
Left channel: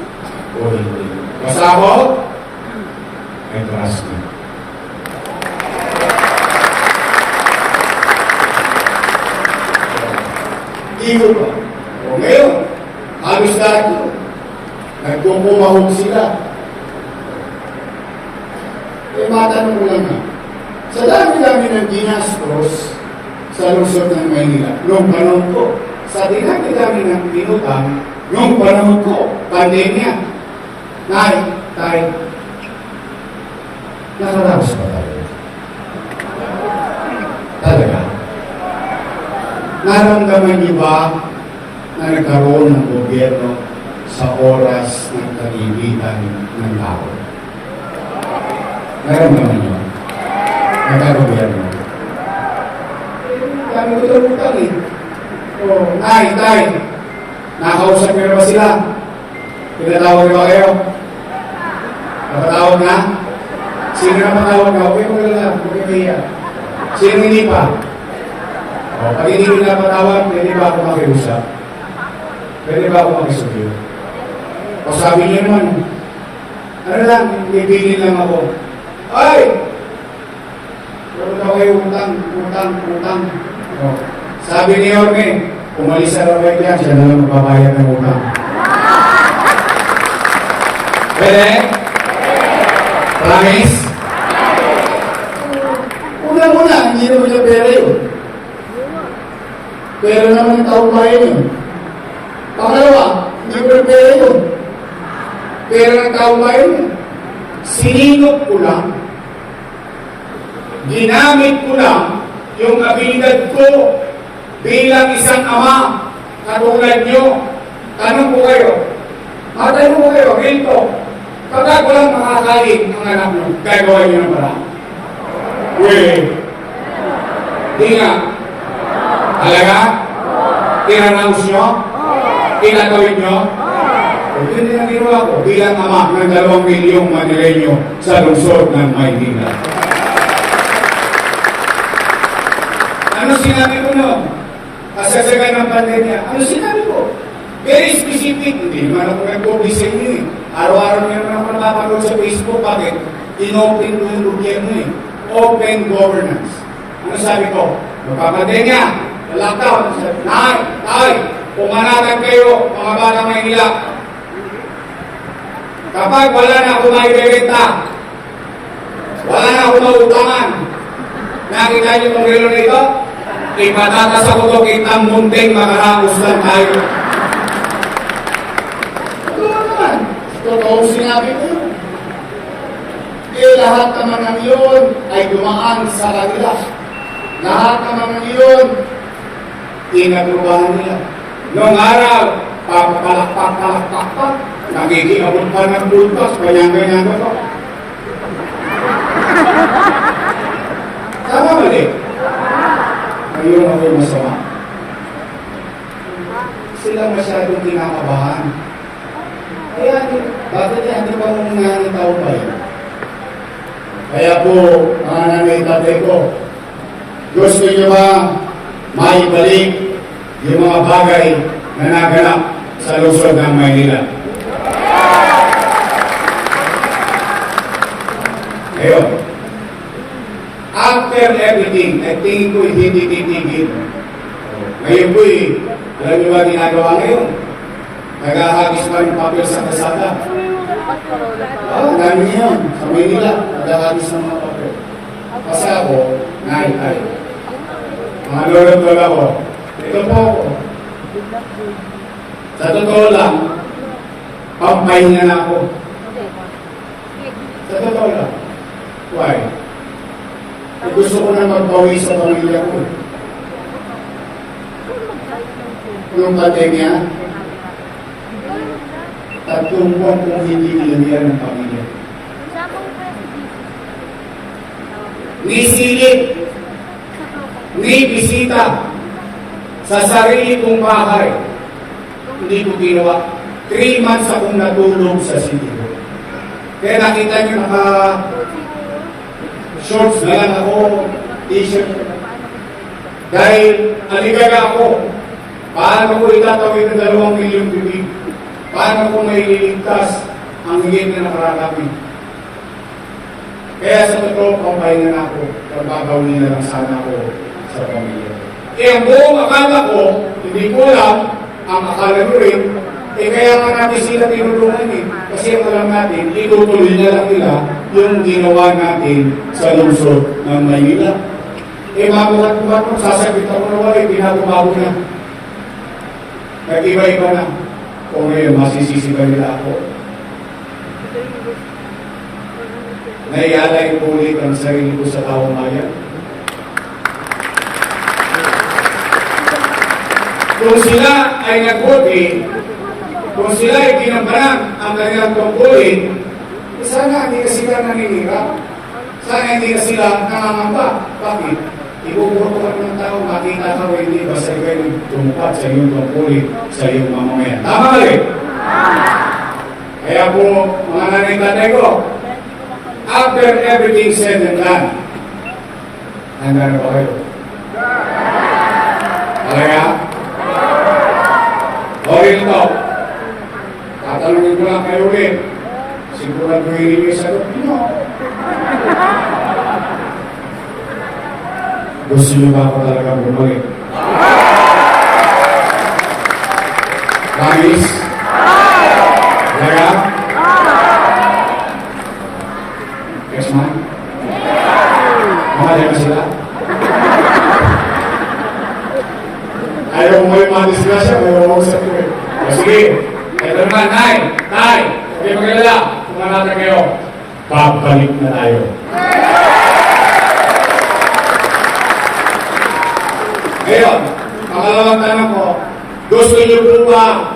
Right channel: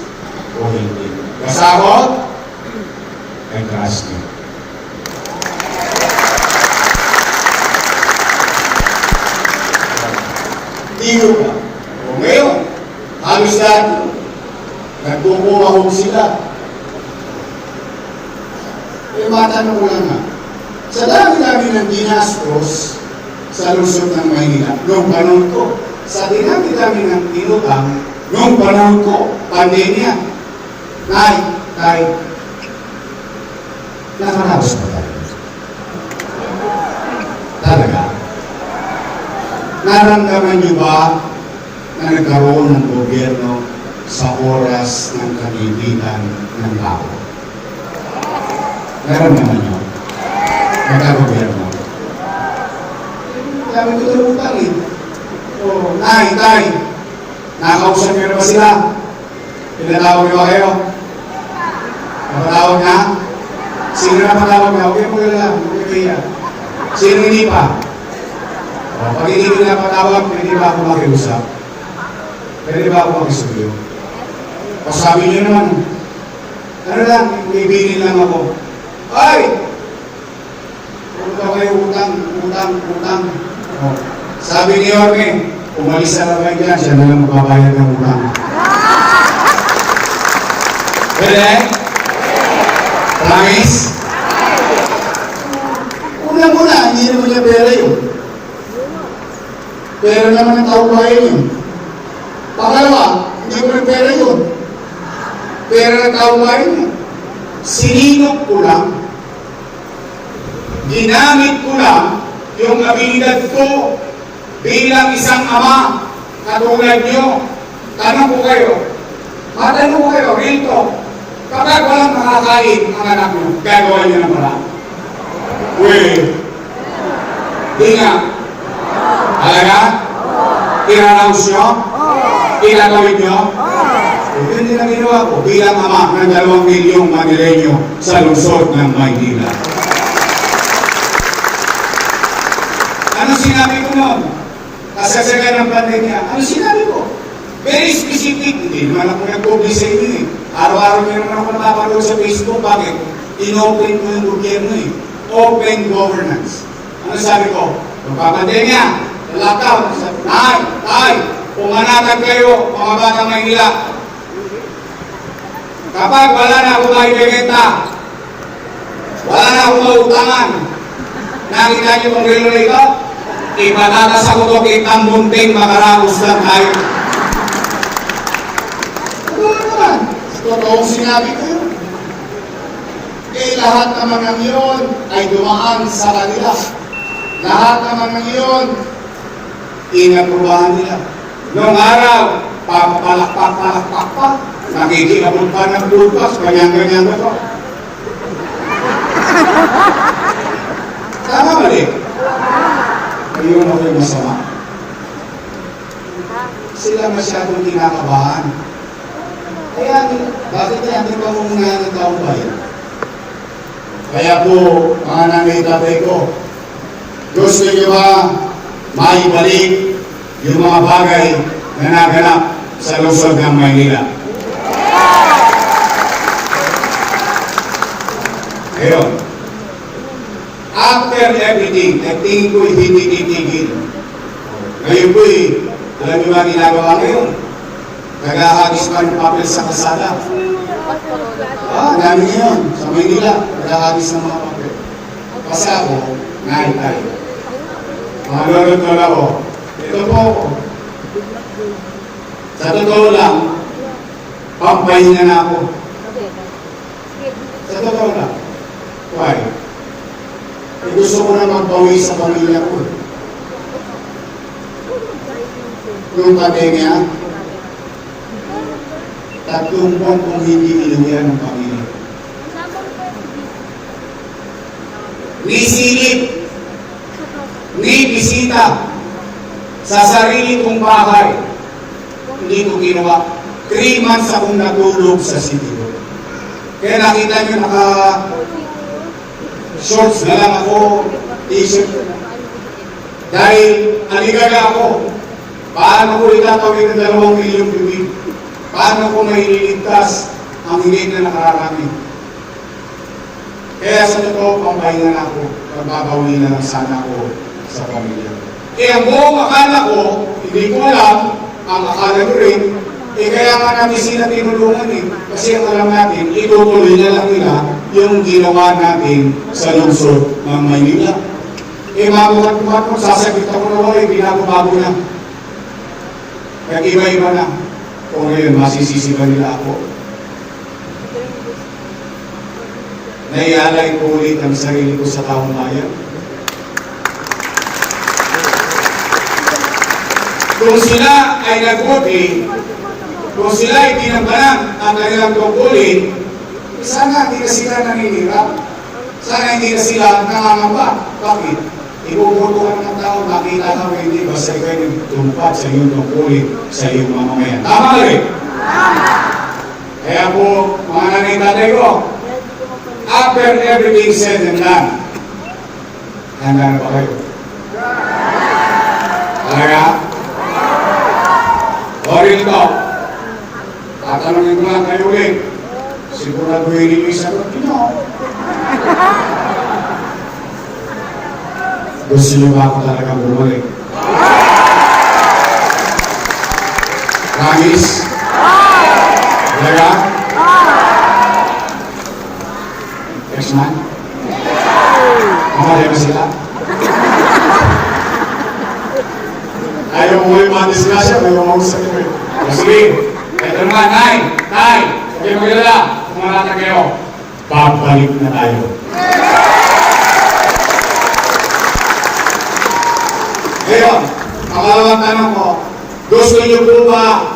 o hindi. Kasahod ay trust niyo. Dito pa. O ngayon, halos lahat yun. Nagkukumahog sila. Eh, matanong ko lang nga. Sa dami-dami ng ginastos sa lungsod ng Maynila, noong panahon ko, sa dinami-dami ng inutang, noong panahon ko, pandemya, tay, nakaraos pa tayo. Talaga. Naramdaman niyo ba na nagkaroon ng gobyerno sa oras ng kagigitan ng tao? Naramdaman niyo? Nagkagobyerno. Dami ko utang eh. Oh, tay, nakausap niyo na ba sila? Pinatawag niyo ba kayo? Napatawag na? Sino na patawag na? Okay mo lang, okay kaya. Sino hindi pa? O, pag hindi ko napatawag, pwede ba ako makiusap? Pwede ba ako makisuyo? O sabi niyo naman, ano lang, bibilin lang ako. Ay! Puro daw kayo utang. O, sabi ni Jorge, umalis na raw kayo dyan, siya na lang magbabayad ng utang. Pwede? Promise? Una, hindi naman niya pera yun. Pera naman ng taong bayan yun. Pangalawa, hindi ko rin pera yun. Pera ng taong bayan yun. Sininok ko lang. Ginamit ko lang yung abilidad ko bilang isang ama katulad nyo. Tanong ko kayo, matanong ko kayo, rito, kapag walang makakain ang anak nyo, gagawin nyo na pala. Uy, di nga. Talaga? Tinanong nyo? Tinatawid nyo? Yun din ang ginawa ko bilang ama ng 2 milyong Manileño sa lungsod ng Maynila. Ano sinabi ko noon? Kasagsagan ng pandemya. Ano sinabi ko? Very specific. Hindi naman ako nag-publish sa inyo eh. Araw-araw nyo naman ako napapanood sa Facebook. Bakit? In-open ko yung gobyerno eh. Open governance. Ano sabi ko? Magpapandemya. Lockdown. Tay, pumanatag kayo, mga batang Maynila. Kapag wala na akong maibibenta, wala na akong mautangan, nakita niyo kung relo na ito? Ipatatas ako ito kitang munting makaramos lang tayo. Ano naman? Totoong sinabi ko yun. Eh, lahat naman ng yun ay dumaan sa kanila. Lahat naman ng yun, inagrubahan nila. Noong araw, papalakpak pa. Nakikiabot pa ng bultos, ganyan-ganyan ba ito? Tama mali? Ayun ako yung masama. Sila masyadong kinakabahan. Kaya, bakit natin pa muna ng taong bayan? Kaya po, mga nanay tatay ko, gusto nyo ba maibalik yung mga bagay na naganap sa lungsod ng Maynila? Ngayon, after everything, tingin ko hindi titigil. Ngayon po alam niyo ba ginagawa ngayon? Nagahagis pa ng papel sa kasada. Dami ngayon sa Maynila, nagahagis ng mga papel. Kasi ako, naitay. Mga lolo-lolo ko, ito po ako. Sa totoo lang, pampahinga na ako. Sa totoo lang. Why? Gusto ko na magbawi sa pamilya ko. Nung pandemya, 3 buwan kung hindi inanihan ng pamilya. Ni silip, ni bisita sa sarili kong bahay. Hindi ko ginawa. 3 months akong natulog sa sitio. Kaya nakita niyo shorts na lang ako, t-shirt. Dahil aligaga ako. Paano ko itatawid ng 2 milyong bibig? Paano ko maililigtas ang higit na nakararami? Kaya sa totoo, pampahinga na ako. Pagbabawi na lang sana ako sa pamilya. Ang buong akala ko, hindi ko alam, ang akala ko rin, kaya nga natin sila tinulungan Kasi ang alam natin, itutuloy na lang nila yung ginawa natin sa lungsod ng Maynila. Mabuhat sasakit ako na wala, binago-bago na. Nag-iba-iba na. Kung ngayon, masisisi ba nila ako? Naialay ko ulit ang sarili ko sa taong bayan. Kung sila ay nag-voting, kung sila ay ginampanan ang kanilang tungkulin, sana hindi na sila naninira. Sana hindi na sila nangangamba. Bakit? Ibubutuhan ng tao, makita ka mo hindi ba sa ikaw nagtumpat sa iyong tungkulin, sa iyong mamamayan. Tama ka rin? Kaya po, mga nanay tatay ko, after everything said and done, handa na ba kayo? Talaga? O ito, tatanungin ko lang kayo ulit. Sigurado hindi kayo sagot niyo. Gusto niyo ba ako talaga bumalik? Promise? Talaga? Next month? Mahalay ba sila? Ayaw mo yung mga disgrasya, ayaw mo sa ito. O sige, ito naman, Nay, hindi magalala, kumanata kayo. Babalik na tayo. Ngayon, pangalawang tanong ko, gusto niyo po ba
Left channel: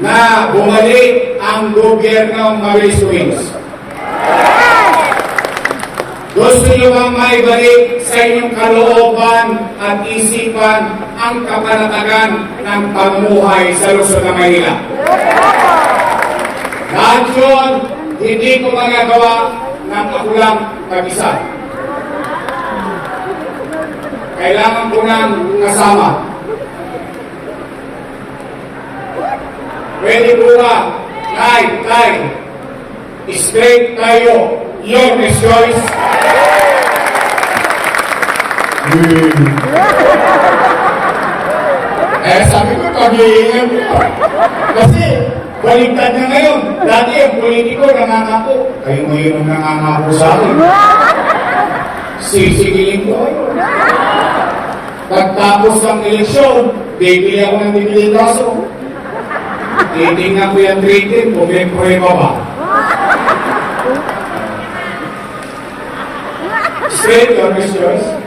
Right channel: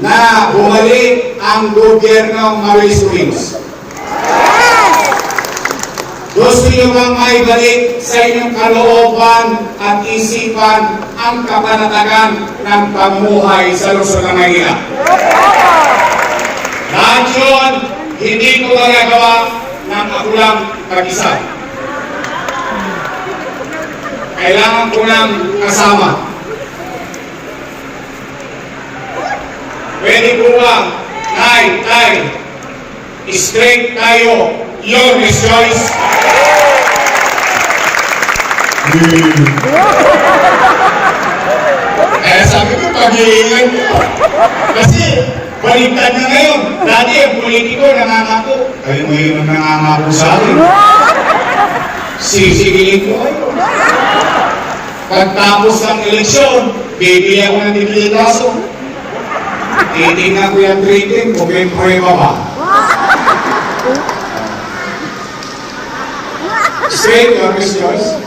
na bumalik ang gobyernong Maris Wings? Gusto niyo bang maibalik sa inyong kalooban at isipan ang kapanatagan ng pamumuhay sa lungsod ng Maynila? Lahat yun, hindi ko magagawa ng ako lang mag-isa. Kailangan ko ng kasama. Pwede po ba, Tay, straight tayo, your choice. Sabi ko, pag-iingan niyo. Kasi, baliktad na ngayon. Dati, ang politiko, nangangako. Kayo ngayon ang nangangako sa akin. Sisigilin ko kayo. Pagtapos ng eleksyon, bibili ako ng dibilitaso. Titingnan ko yung rating kung may prueba ba. Straight or choice?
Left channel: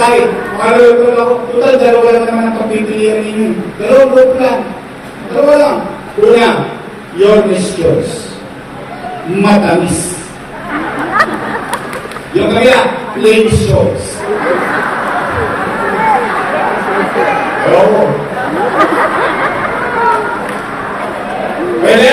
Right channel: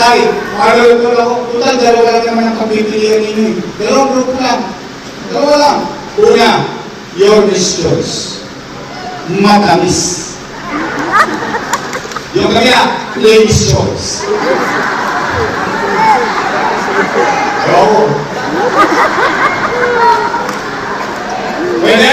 Tay, makalulog ako. Total, dalawa lang naman ang pagpipilihan ninyo. Dalawang group lang. Dalawa lang. Una, your choice. Matamis. Yung kabila, plain choice. Oo. Pwede?